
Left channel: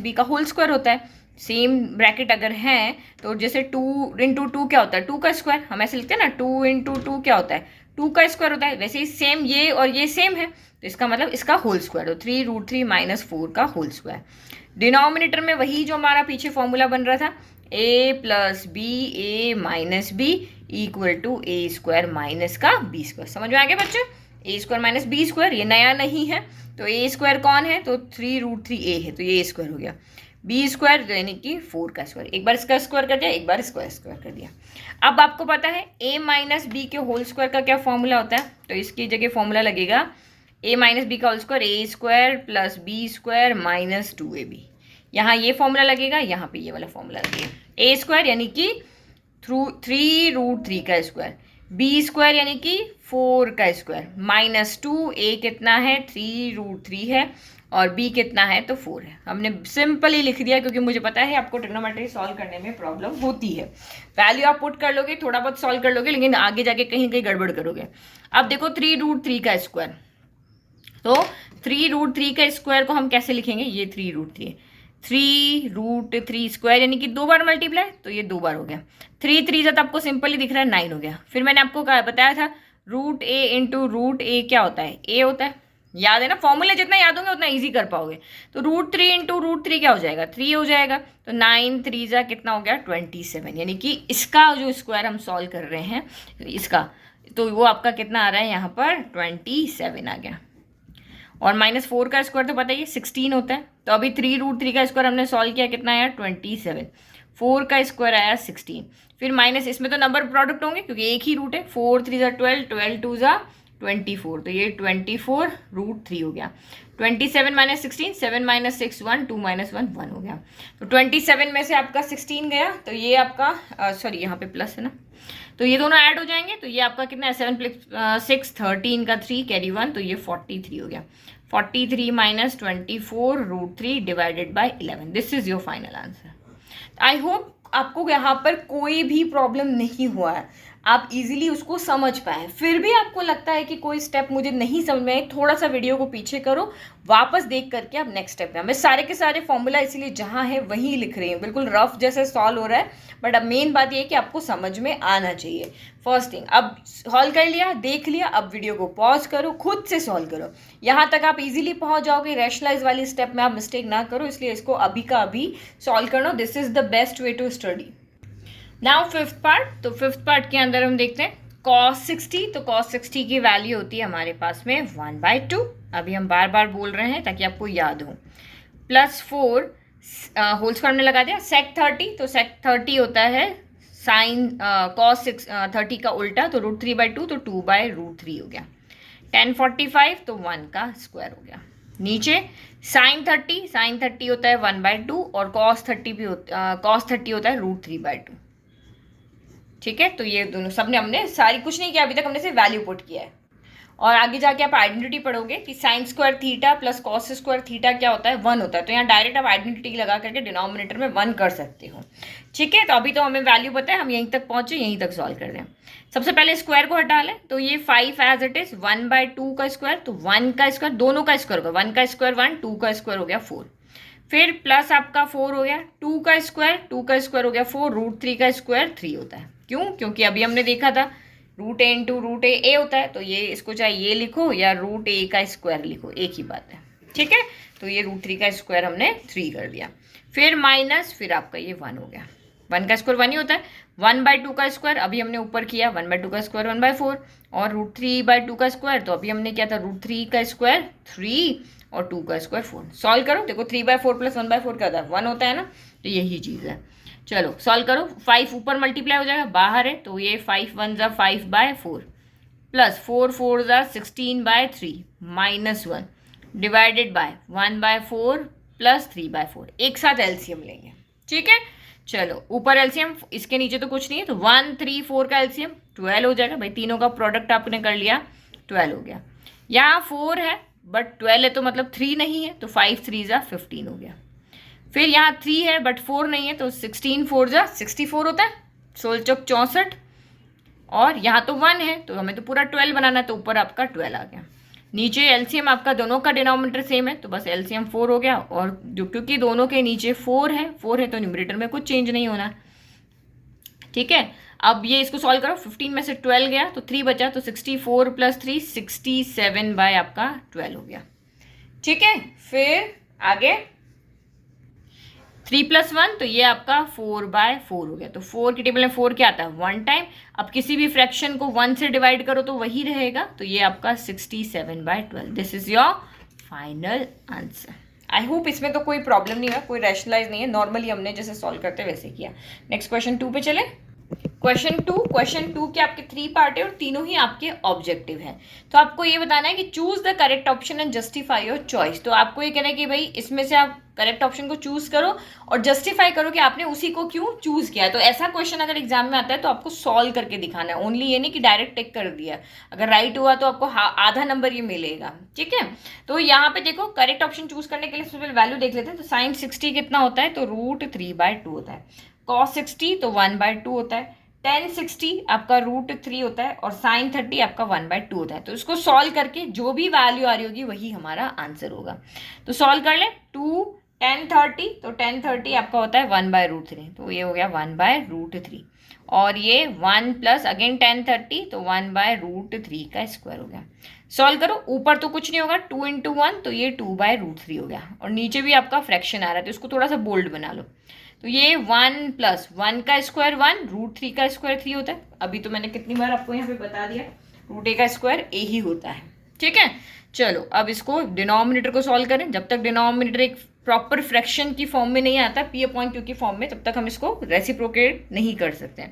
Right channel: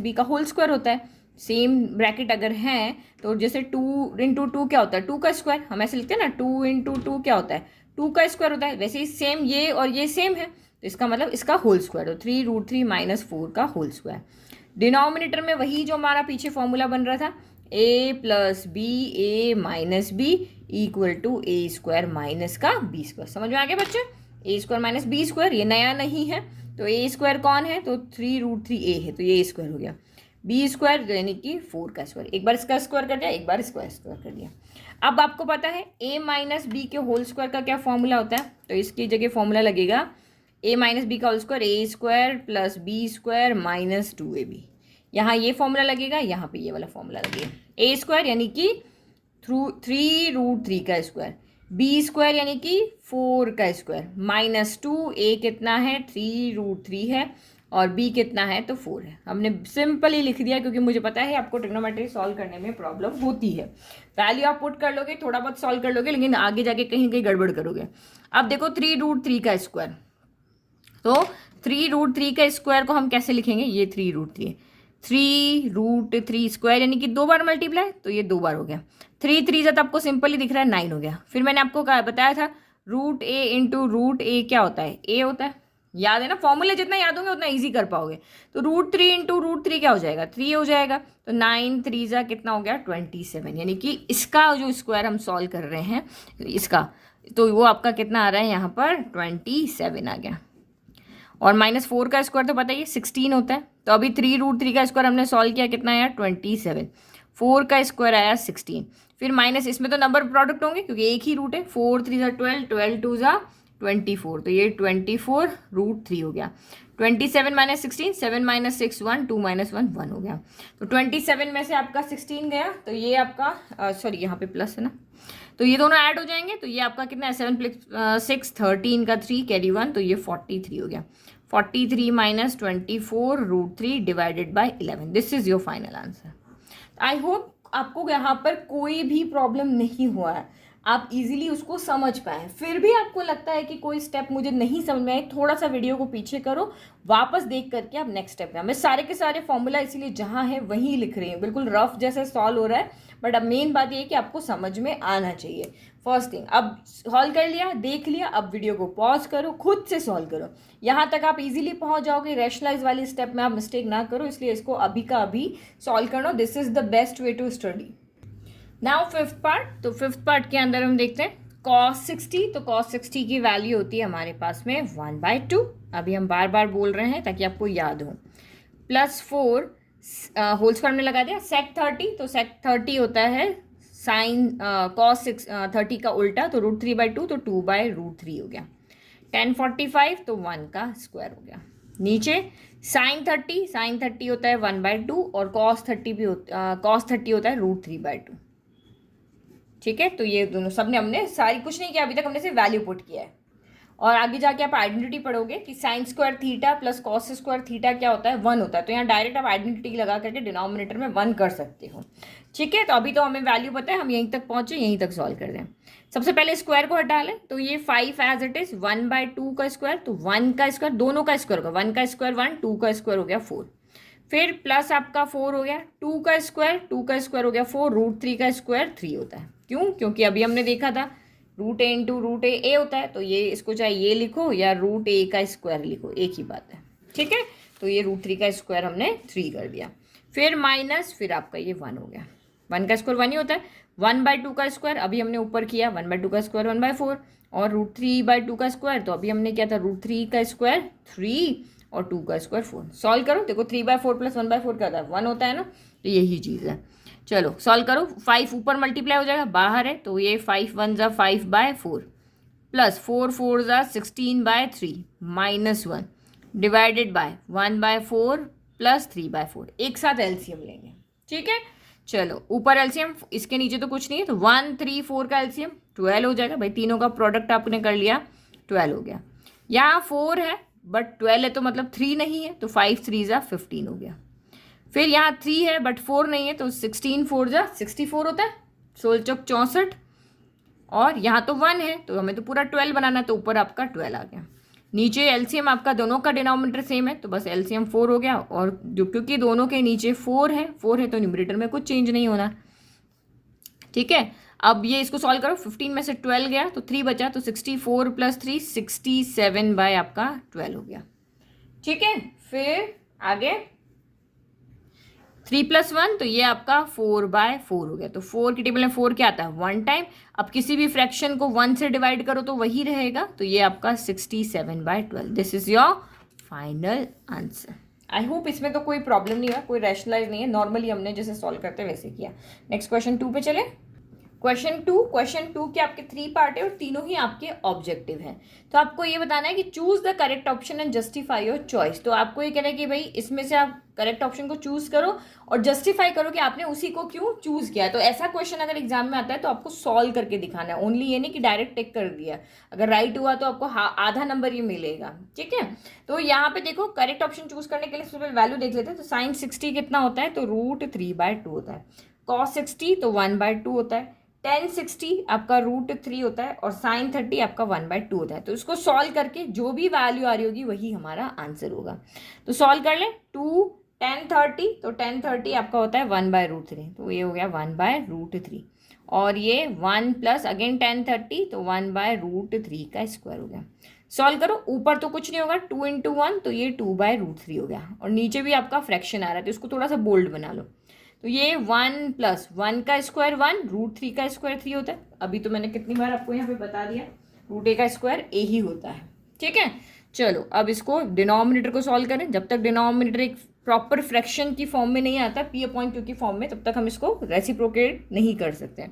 - b का होल स्क्वायर होता है। सेम ब्रैकेट अगर है तो जैसे 2 × 2 क्या होता है 2 का स्क्वायर, हम ऐसे लिखते हैं ना, 2 × 2 क्या होता है 2 का स्क्वायर होता है। वैसे ही सेम ये और ये सेम है, तो इसका मतलब इसका होल स्क्वायर, तो 3√3 माइनस 4 का होल स्क्वायर। डिनोमिनेटर में वही जो हमारा पीछे फॉर्मूला बन रहा था, a plus B A minus B equal to A square minus का बी स्क्वायर। समझ में आ गया बच्चे? A square minus B square, ये नया नहीं है। तो ए स्क्वायर कौन है? तो 3√3 ए है, तो ये स्क्वायर हो गया। बी स्क्वायर यानी कि 4 का स्क्वायर, एक बार इसका स्क्वायर कर दिया, एक बार इसका स्क्वायर कर दिया। अब आपको पता है a माइनस बी के होल स्क्वायर का क्या फॉर्मूला होता है, तो इसकी जगह फॉर्मूला लगेगा a माइनस बी का whole square a square plus b square minus 2ab। यहाँ ये फॉर्मूला लगेगा, यहाँ पे ये वाला फॉर्मूला लगेगा। ए स्क्वायर यानी कि 3√3 का स्क्वायर, बी स्क्वायर यानी कि 4 का स्क्वायर माइनस 2, ए कितना है 3√3 है और बी कितना है तो 4 है। हमने सिंपल ही लिख दिया क्योंकि मुझे पता है आपको ट्रिग्नोमेट्री सॉल्व करने में प्रॉब्लम होती है। वैल्यू आप पुट कर लोगे, थोड़ा बहुत सॉल्व कर लोगे, लेकिन आगे जाके कहीं कहीं गड़बड़ करोगे। अब देखो 3√3 का स्क्वायर, तो 3√3 का स्क्वायर को हम कैसे लिखेंगे, ये 3√3, 3√3 स्क्वायर यानी कि 2 बार मल्टीप्लाई, तो ये 2 बार हो गया। 3 3 जब आपको सिंपल ही दिख रहा है 9 हो गया। फिर मैंने आपको बताया था √a इंटू √a क्या होता है, a होता है, याद है ना? फॉर्मूले जितना याद होंगे उतना इजी कर पाओगे। तो √3 इंटू √3 क्या हो जाएगा, 3 हो जाएगा। तो 9 3 जा कितना हो गया 27, यानी कि इसका जो स्क्वायर हम सॉल्व कर रहे हैं इसका, तो वो आपका कितना आ रहा है यहाँ पर 27 आ गया। और -4 का स्क्वायर तो पता ही है 16 होता है। तो अभी 3√3 का स्क्वायर हमने सॉल्व किया, कितना आया 27, 4 का स्क्वायर आया 16। फिर माइनस, इसमें तो नंबर प्रोडक्ट होंगे क्योंकि एक ही रूट है, 4 3 ज़ा 12, 12 2 ज़ा 24, तो ये 24√3 हो गया। 27 माइनस 16, 7 माइनस 6 1, 2 माइनस 1 1 हो गया। तो 27 में से आपका 16 गया, तो ये आपका सॉरी यहाँ पे प्लस है ना, तो ये दोनों ऐड हो जाएंगे, तो ये आपका कितना है 7 + 6 13 का 3 कैरी 1, तो ये 43 हो गया। 43 minus 24√3 divided by 11, this is your final answer. I hope आपको यहाँ पर कोई भी प्रॉब्लम नहीं हुआ है, आप इजीली उसको समझ पाए। फिर भी आपको लगता है कि कोई स्टेप मुझे नहीं समझ में आए, थोड़ा सा वीडियो को पीछे करो, वापस देख करके आप नेक्स्ट स्टेप में। मैं सारे के सारे फॉर्मूला इसीलिए जहाँ है वहीं लिख रही हूँ, बिल्कुल रफ जैसे सॉल्व हो रहा है, बट अब मेन बात ये है कि आपको समझ में आना चाहिए। फर्स्ट थिंग, अब सॉल्व कर लिया, देख लिया, अब वीडियो को पॉज करो, खुद से सॉल्व करो, यहाँ तक आप इजीली पहुँच जाओगे। रैशनलाइज वाली स्टेप में आप मिस्टेक ना करो, इसलिए इसको अभी का अभी सॉल्व करना, this is the best way to study. Now fifth part, तो फिफ्थ पार्ट के अंदर हम देखते हैं cos 60, तो cos 60 की वैल्यू होती है हमारे पास में 1/2। अभी हम बार बार बोल रहे हैं ताकि आपको याद हो। +4 होल स्क्वायर में लगा दिया। sec 30, तो sec 30 होता है साइन cos 30 का उल्टा, तो √3/2, तो 2/√3 हो गया। 1045, तो 1 का स्क्वायर हो गया। नीचे sin 30 होता है 1/2 और cos 30 होता है √3/2। ठीक है, तो ये दोनों सबने हमने सारी कुछ नहीं किया अभी तक, हमने सिर्फ वैल्यू पुट किया है। और आगे जाके आप आइडेंटिटी पढ़ोगे कि sin square theta plus cos square theta क्या होता है, 1 होता है। तो यहाँ डायरेक्ट आप आइडेंटिटी लगा करके डिनोमिनेटर में 1 कर सकते हो। ठीक है, तो अभी तो हमें वैल्यू पता है, हम यहीं तक पहुंचे, यहीं तक सॉल्व कर दें। सबसे पहले स्क्वायर को हटा लें, तो ये 5 एज इट इज 1/2 का स्क्वायर, तो 1 का स्क्वायर, दोनों का स्क्वायर होगा, 1 का स्क्वायर 1, 2 का स्क्वायर हो गया 4। फिर प्लस आपका 4 हो गया, 2 का स्क्वायर हो गया 4, √3 का स्क्वायर 3 होता है। क्यों? क्योंकि अभी हमने देखा था √a इंटू √a होता है, तो ये इसको चाहे ये लिखो या √a का स्क्वायर लिखो, एक ही बात है। ठीक है, तो ये √3 का स्क्वायर हमने 3 कर दिया। फिर माइनस, फिर आपका ये 1 हो गया, 1 का स्क्वायर 1 ही होता है। 1/2 का स्क्वायर अभी हमने ऊपर किया, 1/2 का स्क्वायर 1/4, और √3/2 का स्क्वायर, तो अभी हमने क्या था √3 का स्क्वायर 3 और 2 का स्क्वायर 4। सॉल्व करो, देखो 3/4 प्लस 1/4 क्या होता है 1 होता है ना, तो यही चीज़ है। चलो सॉल्व करो, 5 ऊपर मल्टीप्लाई हो जाएगा, बाहर है, तो ये 5 1 ज़ा 5/4 प्लस 4 4 ज़ा 16/3 माइनस 1 डिवाइडेड बाय 1/4 प्लस 3/4। एक साथ एलसीएम लेंगे। ठीक है, चलो ऊपर एलसीएम, इसके नीचे तो कुछ नहीं है, तो 1 3 4 का एलसीएम 12 हो जाएगा। भाई तीनों का प्रोडक्ट आपने कर लिया, 12 हो गया। यहाँ 4 है बट 12 है, तो मतलब 3 नहीं है, तो 5 3 ज़ा 15 हो गया। फिर यहाँ 3 है बट 4 नहीं है, तो 16 4 ज़ा 64 होता है, 16 चौक 64। और यहाँ तो 1 है, तो हमें तो पूरा 12 बनाना है, तो ऊपर आपका 12 आ गया। नीचे एलसीएम आपका दोनों का डिनोमिनेटर सेम है, तो बस एलसीएम 4 हो गया। और जो क्योंकि दोनों के नीचे 4 है तो न्यूमरेटर में कुछ चेंज नहीं होना। ठीक है, अब ये इसको सॉल्व करो, 15 में से 12 गया तो 3 बचा, तो 64 + 3 67 बाय आपका 12 हो गया। ठीक है, फिर आगे 3 + 1 तो ये आपका 4/4 हो गया। तो 4 की टेबल में 4 क्या आता है? 1 टाइम। अब किसी भी फ्रैक्शन को 1 से डिवाइड करो तो वही रहेगा, तो ये आपका 67/12। This is your final answer. I hope इसमें तो कोई प्रॉब्लम नहीं हुआ, कोई रैशनलाइज नहीं है, नॉर्मली हमने जैसे सॉल्व करते वैसे किया। नेक्स्ट क्वेश्चन 2 पे चले। क्वेश्चन टू के आपके 3 पार्ट है और तीनों ही आपके ऑब्जेक्टिव हैं। तो आपको ये बताना है कि choose the correct option and justify your choice. तो आपको ये कहना है कि भाई इसमें से आप करेक्ट ऑप्शन को चूज करो और जस्टिफाई करो कि आपने उसी को क्यों चूज किया है। तो ऐसा क्वेश्चन अगर एग्जाम में आता है तो आपको सॉल्व करके दिखाना है, ओनली ये नहीं कि डायरेक्ट टिक कर दिया। अगर राइट हुआ तो आपको आधा नंबर ये मिलेगा। ठीक है, तो यहाँ पे देखो करेक्ट ऑप्शन चूज करने के लिए सबसे पहले वैल्यू देख लेते हैं। तो sin 60 कितना होता है? तो √3/2 होता है। cos 60 तो 1/2 होता है। tan 60 आपका √3 होता है और sin 30 आपका 1/2 होता है। तो इसको सॉल्व करके जो भी वैल्यू आ रही होगी वही हमारा आंसर होगा। तो सॉल्व कर लें। 2 tan 30 तो tan 30 आपका होता है 1/√3, तो ये हो गया 1/√3। और ये 1 प्लस अगेन tan 30 तो 1/√3 का स्क्वायर हो गया। सॉल्व करो, ऊपर तो कुछ नहीं होगा, 2 × 1 तो ये 2/√3 हो गया। और नीचे भी आपका फ्रैक्शन आ रहा है तो इसको थोड़ा सा बोल्ड बना लो। तो ये 1 + 1 का स्क्वायर 1, √3 का स्क्वायर 3 होता है। अभी तो मैंने कितनी बार आपको यहाँ पे बता दिया, √a का स्क्वायर a ही होता है। ठीक है, चलो अब इसको डिनोमिनेटर को सॉल्व करें। जब तक डिनोमिनेटर एक प्रॉपर फ्रैक्शन की फॉर्म में नहीं आता, p/q की फॉर्म में, तब तक हम इसको रेसिप्रोकेट नहीं कर सकते।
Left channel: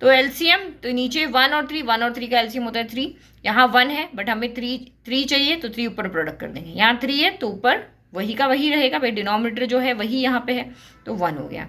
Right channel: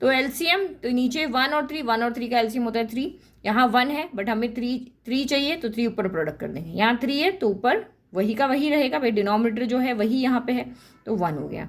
तो एलसीएम, तो नीचे 1 और 3 का एलसीएम होता है 3। यहाँ 1 है बट हमें 3 चाहिए तो 3 ऊपर प्रोडक्ट कर देंगे। यहाँ 3 है तो ऊपर वही का वही रहेगा भाई, डिनोमिनेटर जो है वही यहाँ पे है, तो 1 हो गया।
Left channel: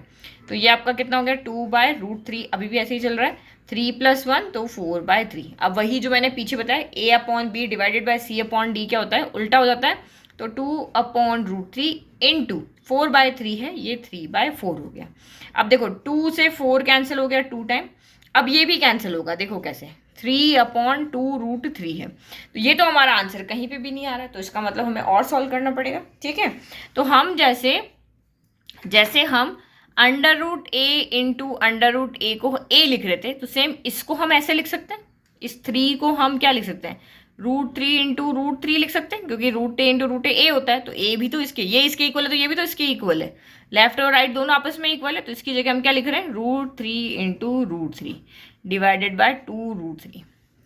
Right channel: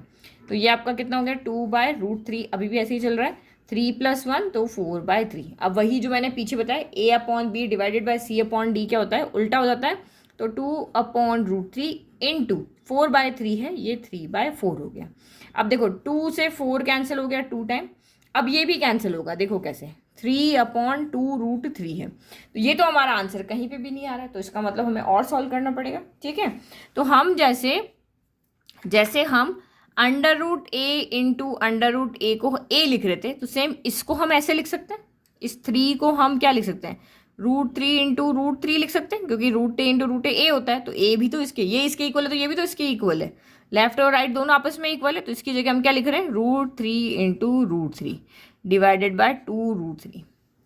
तो ये आपका कितना हो गया? 2/√3। अभी भी ऐसे ही चल रहा है। 3 + 1 तो 4/3। अब वही जो मैंने पीछे बताया, a/b डिवाइडेड बाय c/d क्या होता है? उल्टा हो जाता है। तो 2/√3 × 4/3 है, ये 3/4 हो गया। अब देखो 2 से 4 कैंसिल हो गया 2 टाइम। अब ये भी कैंसिल होगा, देखो कैसे, 3/2√3 है। तो ये तो हमारा आंसर कहीं पे भी नहीं आ रहा है, तो इसका मतलब हमें और सॉल्व करना पड़ेगा। ठीक है, तो हम जैसे हम √a × √a को a लिख रहे थे, तो सेम इसको हम ऐसे लिख सकते हैं। इस 3 को हम क्या लिख सकते हैं? √3 × √3 लिख सकते हैं, क्योंकि √a × √a होता है। तो a भी तो इसके, ये इसके इक्वल है तो ये भी तो इसके इक्वल है। लेफ्ट और राइट दोनों आपस में इक्वल है, तो इसकी जगह हम क्या लिख रहे हैं? √3 × √3 डिवाइडेड बाय 2√3।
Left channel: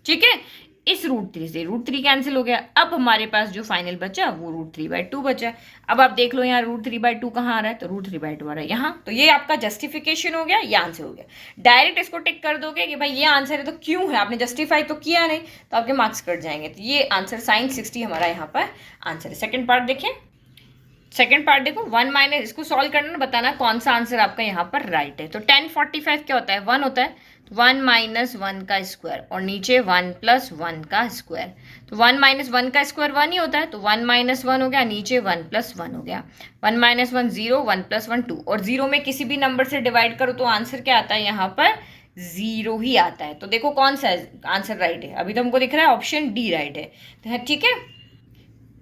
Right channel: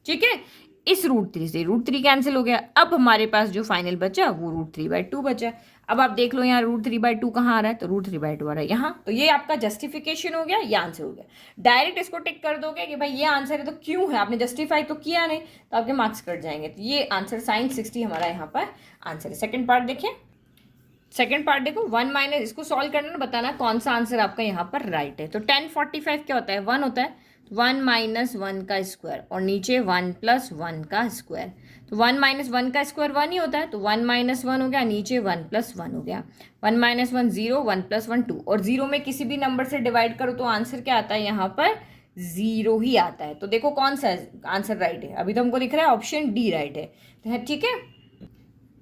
ठीक है, इस √3 से √3 कैंसिल हो गया। अब हमारे पास जो फाइनल बचा वो √3/2 बचा। अब आप देख लो यहाँ √3/2 कहाँ आ रहा है? तो √3/2 आ रहा है यहाँ। तो ये आपका जस्टिफिकेशन हो गया, ये आंसर हो गया। डायरेक्ट इसको टिक कर दोगे कि भाई ये आंसर है तो क्यों है, आपने जस्टिफाई तो किया नहीं, तो आपके मार्क्स कट जाएंगे। तो ये आंसर sin 60 हमारा यहाँ पर आंसर है। सेकेंड पार्ट देखें। सेकेंड पार्ट देखो, 1 - इसको सॉल्व करना, बताना कौन सा आंसर आपका यहाँ पर राइट है। तो 1045 क्या होता है? 1 होता है। 1 - 1 का स्क्वायर और नीचे 1 + 1 का स्क्वायर। तो 1 - 1 का स्क्वायर 1 ही होता है, तो 1 - 1 हो गया, नीचे 1 + 1 हो गया। 1 - 1 0, 1 + 1 2, और 0 में किसी भी नंबर से डिवाइड करो तो आंसर क्या आता है? यहाँ पर 0 ही आता है। तो देखो कौन सा आंसर राइट है। अभी तो हमको दिख रहा है ऑप्शन डी राइट है। तो ठीक है,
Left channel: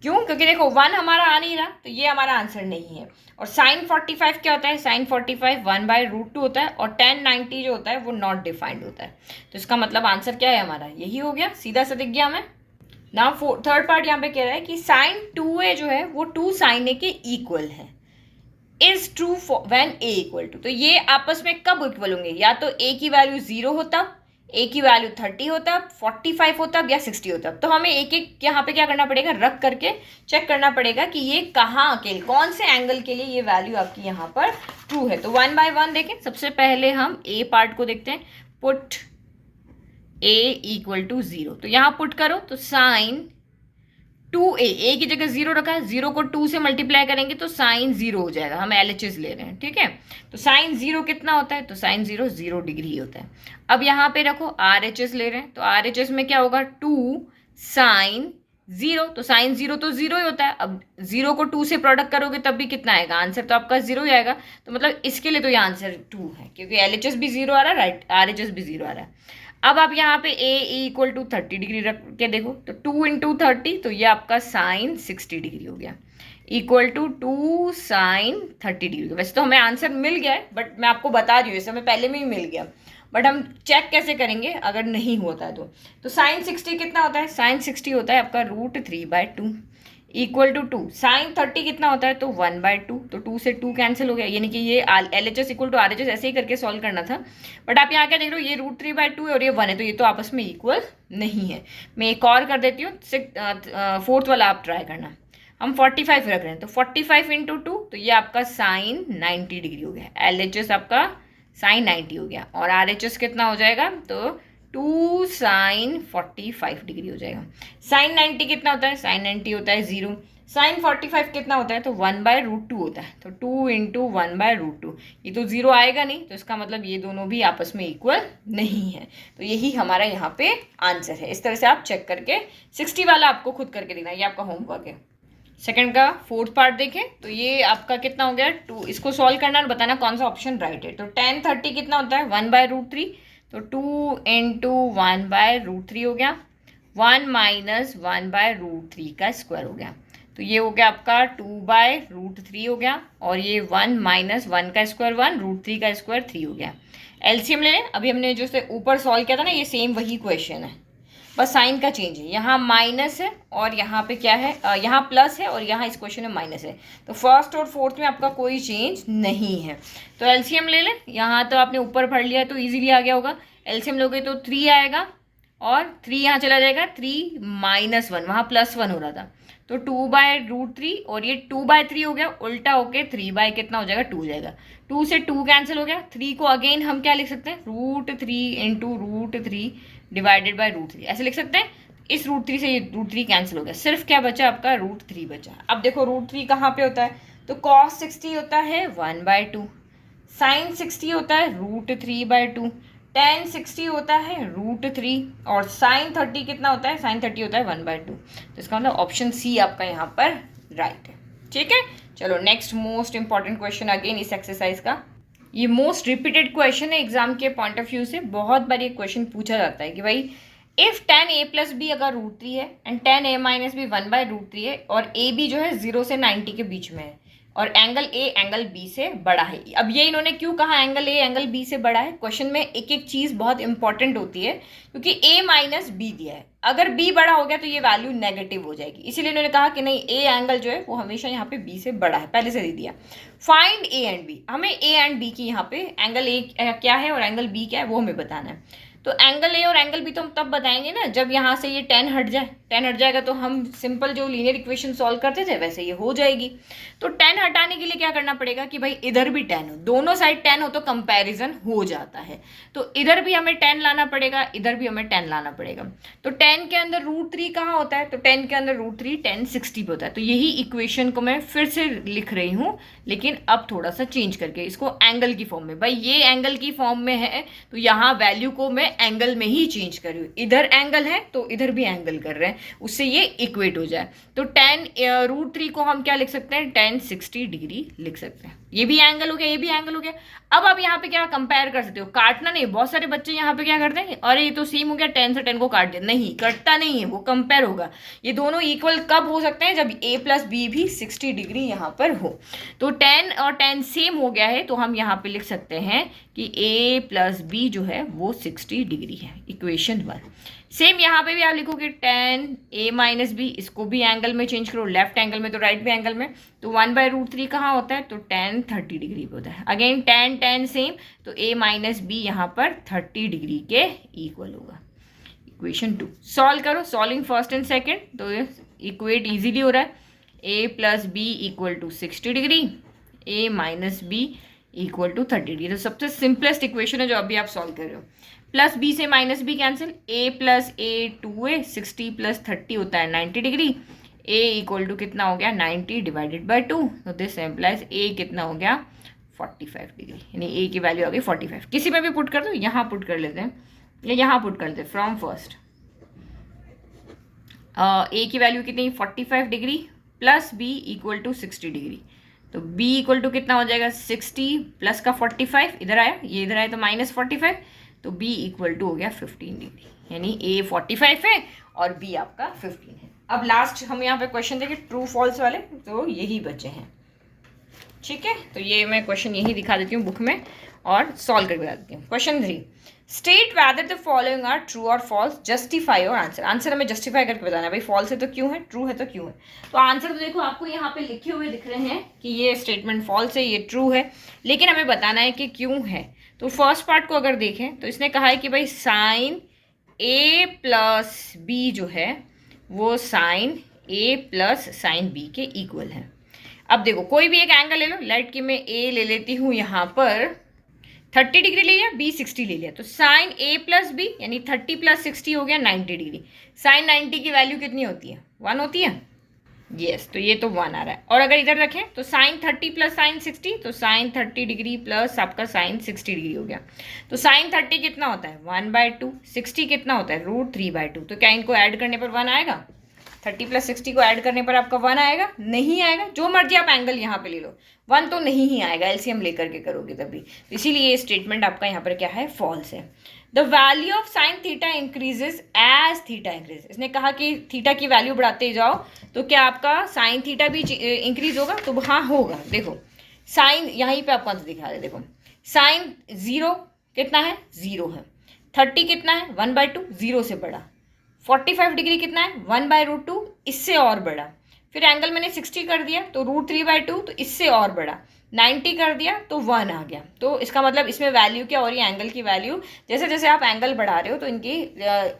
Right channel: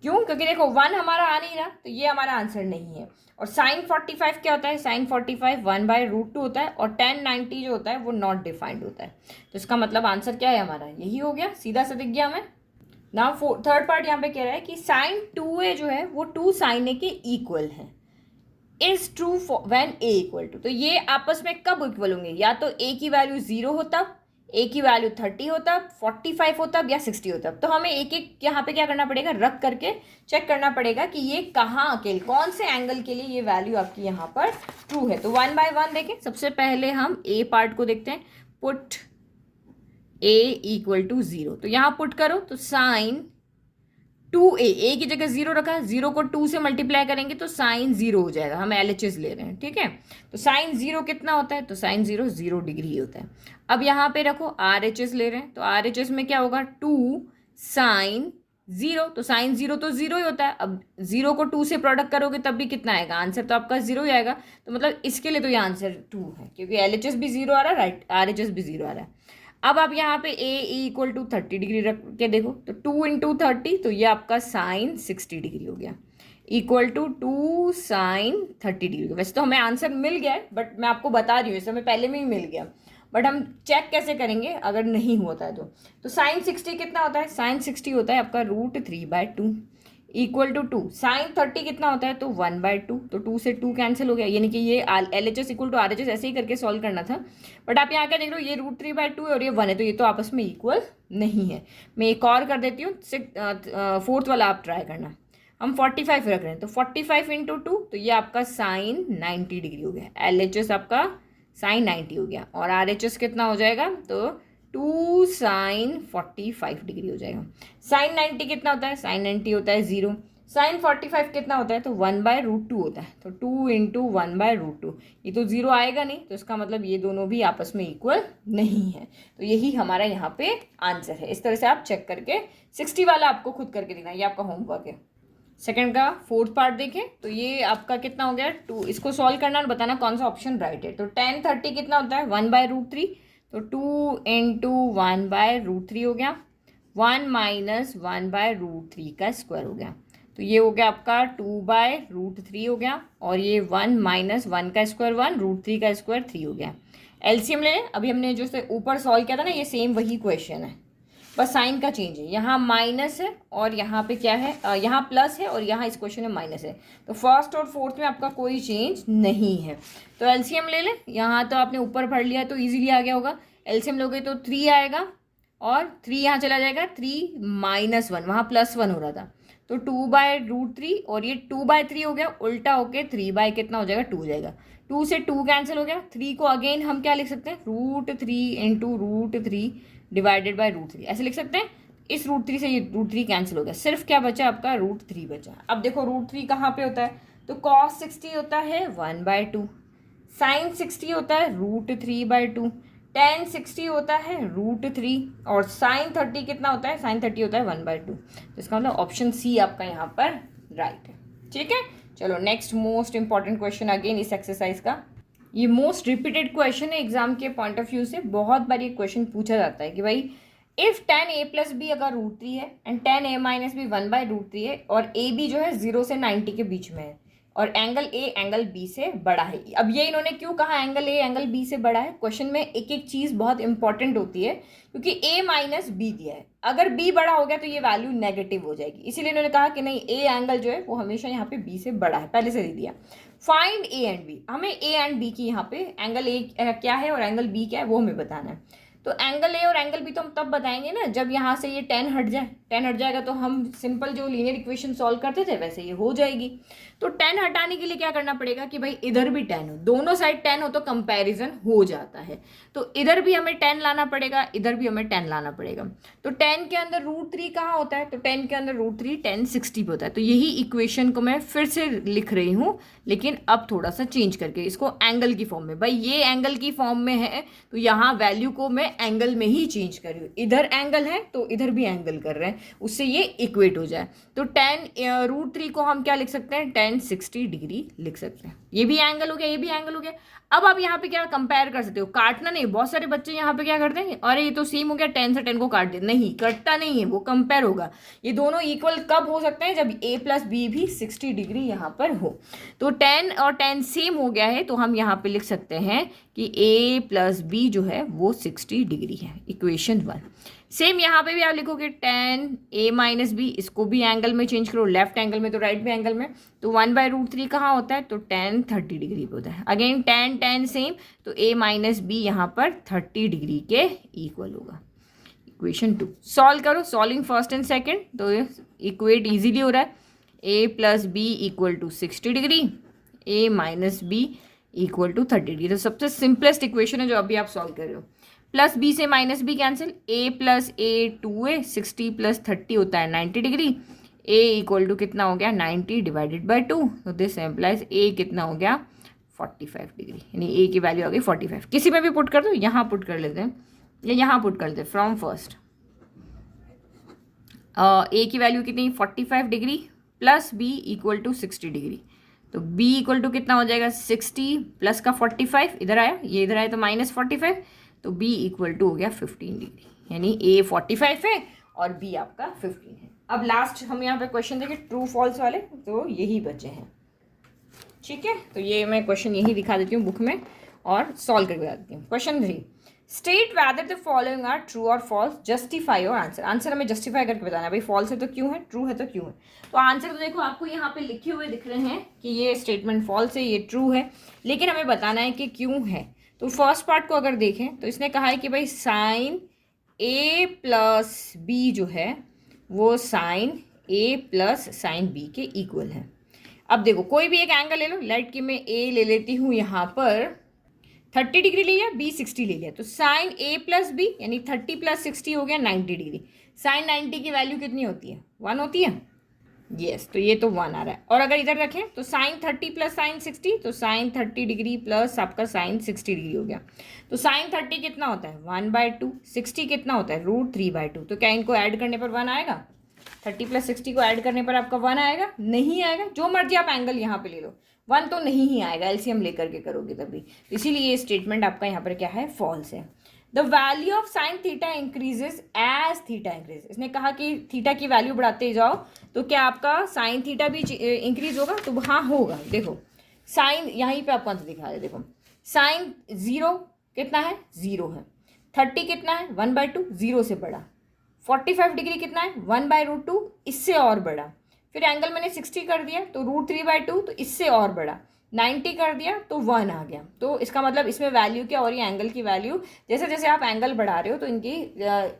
क्यों? क्योंकि देखो 1 हमारा आ नहीं रहा, तो ये हमारा आंसर नहीं है। और sin 45 क्या होता है? sin 45 1/√2 होता है, और tan 90 जो होता है वो नॉट डिफाइंड होता है। तो इसका मतलब आंसर क्या है हमारा? यही हो गया, सीधा सा दिख गया हमें ना। थर्ड पार्ट यहाँ पे कह रहा है कि sin 2a जो है वो 2 sin a के इक्वल है। इज ट्रू व्हेन a = तो ये आपस में कब इक्वल होंगे? या तो a की वैल्यू 0 होता, a की वैल्यू 30 होता, 45 होता या 60 होता। तो हमें एक एक यहाँ पे क्या करना पड़ेगा? रख करके चेक करना पड़ेगा कि ये कहाँ के, कौन से एंगल के लिए ये वैल्यू आपकी यहाँ पर ट्रू है। तो 1 by 1 देखें। सबसे पहले हम a पार्ट को देखते हैं। पुट a = 0, तो यहाँ पुट करो तो sin 2a, a की जगह 0 रखा है, 0 को 2 से मल्टीप्लाई करेंगे तो sin 0 हो जाएगा। हम LHS ले रहे हैं, ठीक है। तो sin 0 कितना होता है? तो sin 0 0 डिग्री होता है। अब यहाँ पे रखो RHS ले रहे हैं, तो RHS में क्या होगा? 2 sin 0, तो sin 0 तो 0 ही होता है। अब 0 को 2 से प्रोडक्ट करोगे तब भी कितना आएगा? आंसर तो आपका 0 ही आएगा। तो मतलब इसके लिए तो ये आंसर 2 है, क्योंकि LHS भी 0 आ रहा है, राइट, RHS भी 0 आ रहा है। अब आप यहाँ पे a = 30 डिग्री रख के देखो, तो 2 × 30, तो ये आपका sin 60 डिग्री हो गया, इक्वल टू 2 sin 30 डिग्री। वैसे तो हमें आंसर मिल गया है, बट मैं आपको बता रही हूँ, इसे हमें पहले में ही मिल गया। बट हम चेक कैसे करेंगे अगर नहीं होता है तो साइन 60 कितना होता है, साइन 60 होता है आपका √3/2 इक्वल टू 2। साइन 30 कितना होता है, तो 1/2, तो 2 से 2 कैंसिल हो गया, यानी कि ये LHS इक्वल टू RHS ऐसे ही करके सॉल्व करना था। बट आप यहाँ क्या देख रहे हो, ये √3/2 है और ये 1 है, तो ये तो आपस में इक्वल नहीं है। मैं एक और कर देती हूँ, 4th वाला आप ट्राई करना। हम 45 रख रहे हैं, तो 45 × 2, तो ये आपका साइन 90 डिग्री हो गया। LHS आपका साइन 90 हो गया और RHS कितना हो जाएगा, तो 2 साइन 45 डिग्री हो जाएगा। साइन 90 कितना होता है, साइन 90 होता है 0। साइन 45 कितना होता है, तो 1/√2 होता है, तो 2 × 1/√2। ये तो 0 आएगा नहीं, तो इसका मतलब ये दोनों भी आपस में इक्वल नहीं है। तो यही हमारा यहाँ पे आंसर है। इस तरह से आप चेक करके 60 वाला आपको खुद करके देना, ये आपका होमवर्क है। सेकंड का 4th पार्ट देखें तो ये आपका कितना हो गया 2। इसको सॉल्व करना और बताना कौन सा ऑप्शन राइट है। तो tan 30 कितना होता है 1/√3, तो 2 × 1/√3 हो गया। 1 - 1/√3 का स्क्वायर हो गया, तो ये हो गया आपका 2/√3 हो गया। और ये 1 - 1 का स्क्वायर 1, √3 का स्क्वायर 3 हो गया। एलसीएम ले लें। अभी हमने जो से ऊपर सॉल्व किया था ना, ये सेम वही क्वेश्चन है, बस साइन का चेंज है। यहाँ माइनस है और यहाँ पे क्या है, यहाँ प्लस है और यहाँ इस क्वेश्चन में माइनस है। तो फर्स्ट और फोर्थ में आपका कोई चेंज नहीं है। तो एलसीएम ले लें। यहाँ तो आपने ऊपर भर लिया तो इजीली आ गया होगा। एलसीएम लोगे तो 3 आएगा और 3 यहाँ चला जाएगा, 3 - 1, वहाँ +1 हो रहा था, तो 2/√3 और ये 2/3 हो गया, उल्टा होके 3 कितना हो जाएगा 2 हो जाएगा। 2 से 2 कैंसिल हो गया। 3 को अगेन हम क्या लिख सकते हैं, √3 × √3 डिवाइडेड बाय √3 ऐसे लिख सकते हैं। इस √3 से ये √3 कैंसिल हो गया, सिर्फ क्या बचा आपका √3 बचा। अब देखो √3 कहाँ पे होता है, तो cos 60 होता है 1/2, साइन 60 होता है √3/2, tan 60 होता है √3 और साइन 30 कितना होता है, साइन 30 होता है 1/2। तो इसका मतलब ऑप्शन सी आपका यहाँ पर राइट है। ठीक है, चलो next most important question again इस एक्सरसाइज का। ये मोस्ट रिपीटेड क्वेश्चन है एग्जाम के पॉइंट ऑफ व्यू से। बहुत बार ये क्वेश्चन पूछा जाता है कि भाई इफ tan a + b अगर √3 है एंड tan a - b 1/√3 है और ए बी जो है 0 से 90 के बीच में है और एंगल ए एंगल बी से बड़ा है। अब ये इन्होंने क्यों कहा एंगल ए एंगल बी से बड़ा है, क्वेश्चन में एक एक चीज़ बहुत इंपॉर्टेंट होती है, क्योंकि a - b दिया है, अगर b बड़ा हो गया तो ये वैल्यू नेगेटिव हो जाएगी, इसीलिए इन्होंने कहा कि नहीं a एंगल जो है वो हमेशा यहाँ पे b से बड़ा है, पहले से दे दिया। फाइंड a एंड b, हमें a एंड b की यहाँ पे एंगल a क्या है और एंगल b क्या है वो हमें बताना है। तो एंगल ए और एंगल बी तो हम तब बताएंगे ना जब यहाँ से ये tan हट जाए। tan हट जाएगा तो हम सिंपल जो लीनियर इक्वेशन सॉल्व करते थे वैसे ये हो जाएगी। तो tan हटाने के लिए क्या करना पड़ेगा कि भाई इधर भी tan हो, दोनों साइड tan हो तो कंपैरिजन हो जाता है। तो इधर भी हमें tan लाना पड़ेगा, इधर भी हमें tan लाना पड़ेगा। तो tan के अंदर √3 कहाँ होता है, तो tan के अंदर √3 tan 60 पे होता है। तो यही इक्वेशन को मैं फिर से लिख रही हूँ, लेकिन अब थोड़ा सा चेंज करके इसको एंगल की फॉर्म में। भाई ये एंगल की फॉर्म में है तो यहाँ वैल्यू को मैं एंगल में ही चेंज कर रही हूँ, इधर एंगल है तो इधर भी एंगल कर रहे हैं, उससे ये इक्वेट हो जाए। तो tan √3 को हम क्या लिख सकते हैं, tan 60 डिग्री लिख सकते हैं। ये भी एंगल हो गया, ये भी एंगल हो गया। अब आप यहाँ पे क्या कंपेयर कर सकते हो, काटना नहीं। बहुत सारे बच्चे यहाँ पे क्या करते हैं, अरे ये तो सेम हो गया, tan से tan को काट दे, नहीं कटता नहीं है, वो कंपेयर होगा। ये दोनों इक्वल कब हो सकते हैं, जब a + b भी 60 डिग्री यहाँ पर हो। तो tan और tan सेम हो गया है तो हम यहाँ पे लिख सकते हैं कि a + b जो है वो 60 डिग्री है, इक्वेशन 1। सेम यहाँ पे भी आप लिखोगे tan a - b, इसको भी एंगल में चेंज करो, लेफ्ट एंगल में तो राइट भी एंगल में। तो 1/√3 कहाँ होता है, तो tan 30 डिग्री पे होता है। अगेन tan सेम, तो a - b यहाँ पर 30 डिग्री के इक्वल होगा। इक्वेशन 2 सॉल्व करो, सॉल्विंग फर्स्ट एंड सेकेंड, तो इक्वेट ईजिली हो रहा है। a + b = 60 degree, a - b = 30 degree. तो सबसे सिंपलेस्ट इक्वेशन है जो अभी आप सॉल्व कर रहे हो। प्लस बी से minus B cancel, a + a 2a, 60 + 30 होता है 90 डिग्री। a = कितना हो गया 90 डिवाइडेड बाय 2, तो दिस एम्प्लाइज a कितना हो गया 45 डिग्री, यानी a की वैल्यू आ गई 45। किसी में भी पुट कर दो, यहाँ पुट कर लेते हैं या यहाँ पुट कर लेते हैं फ्रॉम फर्स्ट। a की वैल्यू कितनी 45 डिग्री प्लस b = 60 डिग्री, तो b = कितना हो जाएगा 60 प्लस का 45 इधर आया, ये इधर आया तो -45, तो b = हो गया 15 डिग्री, यानी a 45 है और b आपका 15 है। अब लास्ट हम यहाँ पे क्वेश्चन देखें ट्रू फॉल्स वाले, तो यही बचे हैं। ठीक है, तो ये मैं क्वेश्चन यही दिखा देती हूँ बुक में, और सॉल्व करके बता देती हूँ। Question 3, state whether the following are true और false, justify your answer. Answer हमें जस्टिफाई करके बताना है भाई, फॉल्स है तो क्यों है, ट्रू है तो क्यों है। तो आंसर तो देखो आपको यहाँ पे लिखे हुए दिख रहे हैं कि ये स्टेटमेंट फॉल्स है, ये ट्रू है, लेकिन हमें बताना है कि क्यों है। तो फर्स्ट पार्ट को अगर देखें तो इसने कहा है कि भाई साइन ए प्लस बी जो है वो साइन ए प्लस साइन बी के इक्वल है। अब देखो कोई भी एक एंगल ले लो, लेट कि मैं ए ले लेती हूँ यहाँ पर 30 डिग्री ले लिया, बी 60 ले लिया, तो साइन ए प्लस बी यानी 30 प्लस 60 हो गया 90 डिग्री। साइन 90 की वैल्यू कितनी होती है, 1 होती है। यस, तो ये तो 1 आ रहा है। और अगर इधर रखें तो साइन 30 प्लस साइन 60, तो साइन 30 डिग्री प्लस आपका साइन 60 डिग्री हो गया। तो साइन 30 कितना होता है 1/2, 60 कितना होता है √3/2। तो क्या इनको ऐड करने पर 1 आएगा, 30 प्लस 60 को ऐड करने पर आपका 1 आएगा, नहीं आएगा। जो मर्जी आप एंगल यहाँ पे ले लो 1 तो नहीं ही आएगा, एलसीएम लेकर के करोगे तभी। इसीलिए ये स्टेटमेंट आपका यहाँ पर क्या है, फॉल्स है। The value of sine theta increases as theta increase. इसने कहा कि थीटा की वैल्यू बढ़ाते जाओ तो क्या आपका साइन थीटा भी इंक्रीज होगा, तो हाँ होगा। देखो साइन यहीं पे आपको आंसर दिखा रहे, देखो साइन 0 कितना है, 0 है। 30 कितना है 1/2, 0 से बड़ा। 45 डिग्री कितना है 1/√2, इससे और बड़ा। फिर एंगल मैंने 60 कर दिया तो √3/2, तो इससे और बड़ा। 90 कर दिया तो 1 आ गया। तो इसका मतलब इसमें वैल्यू क्या हो रही है, एंगल की वैल्यू, जैसे जैसे आप एंगल बढ़ा रहे हो तो इनकी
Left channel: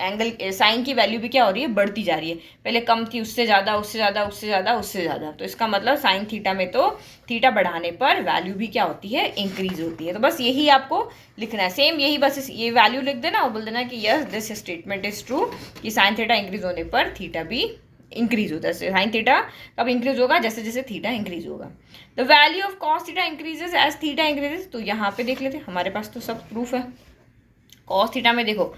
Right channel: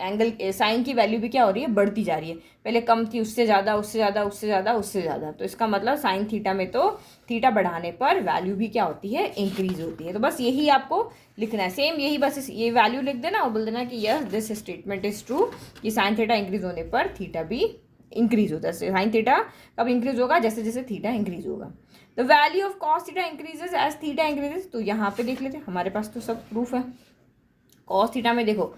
एंगल साइन की वैल्यू भी क्या हो रही है, बढ़ती जा रही है। पहले कम थी, उससे ज़्यादा, उससे ज़्यादा, उससे ज़्यादा, उससे ज़्यादा। तो इसका मतलब साइन थीटा में तो थीटा बढ़ाने पर वैल्यू भी क्या होती है, इंक्रीज होती है। तो बस यही आपको लिखना है, सेम यही, बस ये वैल्यू लिख देना और बोल देना कि yes this statement is true, कि साइन थीटा इंक्रीज होने पर थीटा भी इंक्रीज होता है। साइन थीटा कब इंक्रीज होगा, जैसे जैसे थीटा इंक्रीज होगा। The value of cos theta increases as theta increases. तो यहाँ पे देख लेते हैं, हमारे पास तो सब प्रूफ है। कॉस थीटा में देखो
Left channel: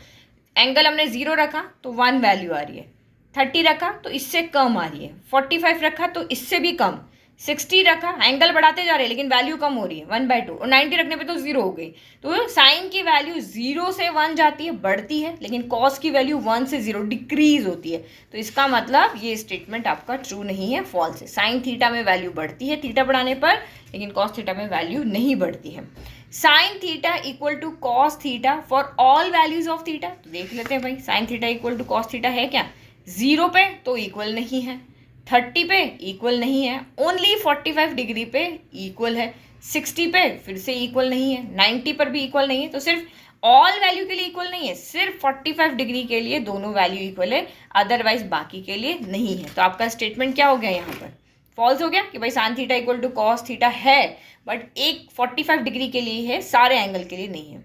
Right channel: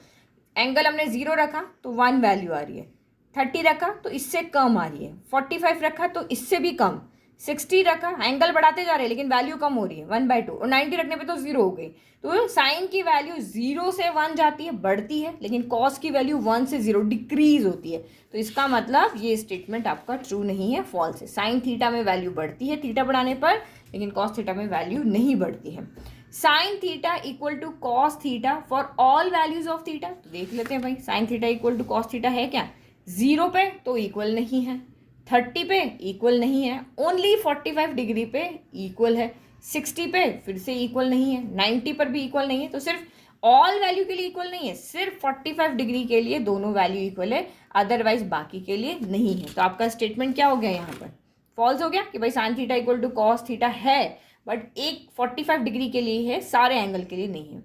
एंगल हमने 0 रखा तो 1 वैल्यू आ रही है, 30 रखा तो इससे कम आ रही है, 45 रखा तो इससे भी कम, 60 रखा, एंगल बढ़ाते जा रहे हैं लेकिन वैल्यू कम हो रही है 1/2, और 90 रखने पे तो 0 हो गई। तो साइन की वैल्यू 0 से 1 जाती है, बढ़ती है, लेकिन कॉस की वैल्यू 1 से 0 डिक्रीज होती है। तो इसका मतलब ये स्टेटमेंट आपका ट्रू नहीं है, फॉल्स है। साइन थीटा में वैल्यू बढ़ती है थीटा बढ़ाने पर, लेकिन कॉस थीटा में वैल्यू नहीं बढ़ती है। Sine theta equal to cos theta for all values of theta. तो देख लेते हैं भाई, sine theta equal to cos theta है क्या, 0 पे तो इक्वल नहीं है, 30 पे इक्वल नहीं है, ओनली 45 डिग्री पे इक्वल है, 60 पे फिर से इक्वल नहीं है, 90 पर भी इक्वल नहीं है। तो सिर्फ ऑल वैल्यू के लिए इक्वल नहीं है, सिर्फ 45 डिग्री के लिए दोनों वैल्यू इक्वल है, अदरवाइज बाकी के लिए नहीं है। तो आपका स्टेटमेंट क्या हो गया यहाँ पर, फॉल्स हो गया, कि भाई sine theta equal to cos theta है बट एक 45 डिग्री के लिए है, सारे एंगल के लिए नहीं है।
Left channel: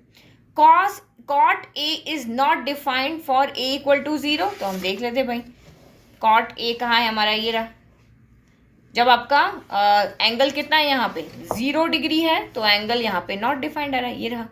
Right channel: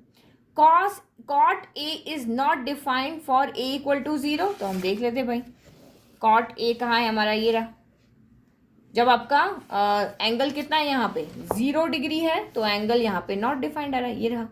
Cos cot A is not defined for A equal to 0। तो हम देख लेते हैं भाई, कॉट ए कहाँ है हमारा, ये रहा। जब आपका एंगल कितना है यहाँ पे 0 डिग्री है तो एंगल यहाँ पे नॉट डिफाइंड आ रहा है, ये रहा।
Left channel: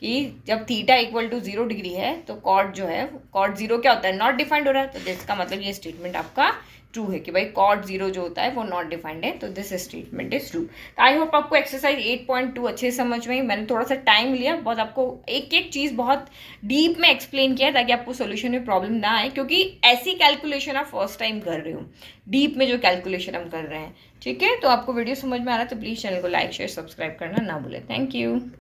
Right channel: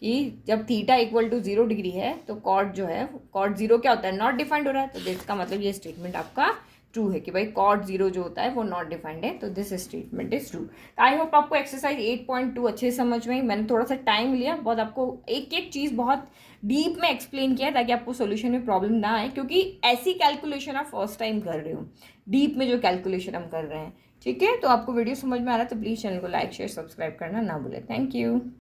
कि जब थीटा इक्वल टू 0 डिग्री है तो कॉट जो है, कॉट 0 क्या होता है, नॉट डिफाइंड हो रहा है। तो जिसका मतलब ये स्टेटमेंट आपका ट्रू है कि भाई कॉट 0 जो होता है वो नॉट डिफाइंड है। तो this statement is true. I hope आपको एक्सरसाइज 8.2 अच्छे से समझ में आई। मैंने थोड़ा सा टाइम लिया, बहुत आपको एक एक चीज़ बहुत डीप में एक्सप्लेन किया ताकि आपको सोल्यूशन में प्रॉब्लम ना आए, क्योंकि ऐसी कैलकुलेशन आप फर्स्ट टाइम कर रहे हो, डीप में जो कैलकुलेशन हम कर रहे हैं। ठीक है, तो आपको वीडियो समझ में आ रहा है तो प्लीज़ चैनल को लाइक शेयर सब्सक्राइब करना ना भूलें। Thank you.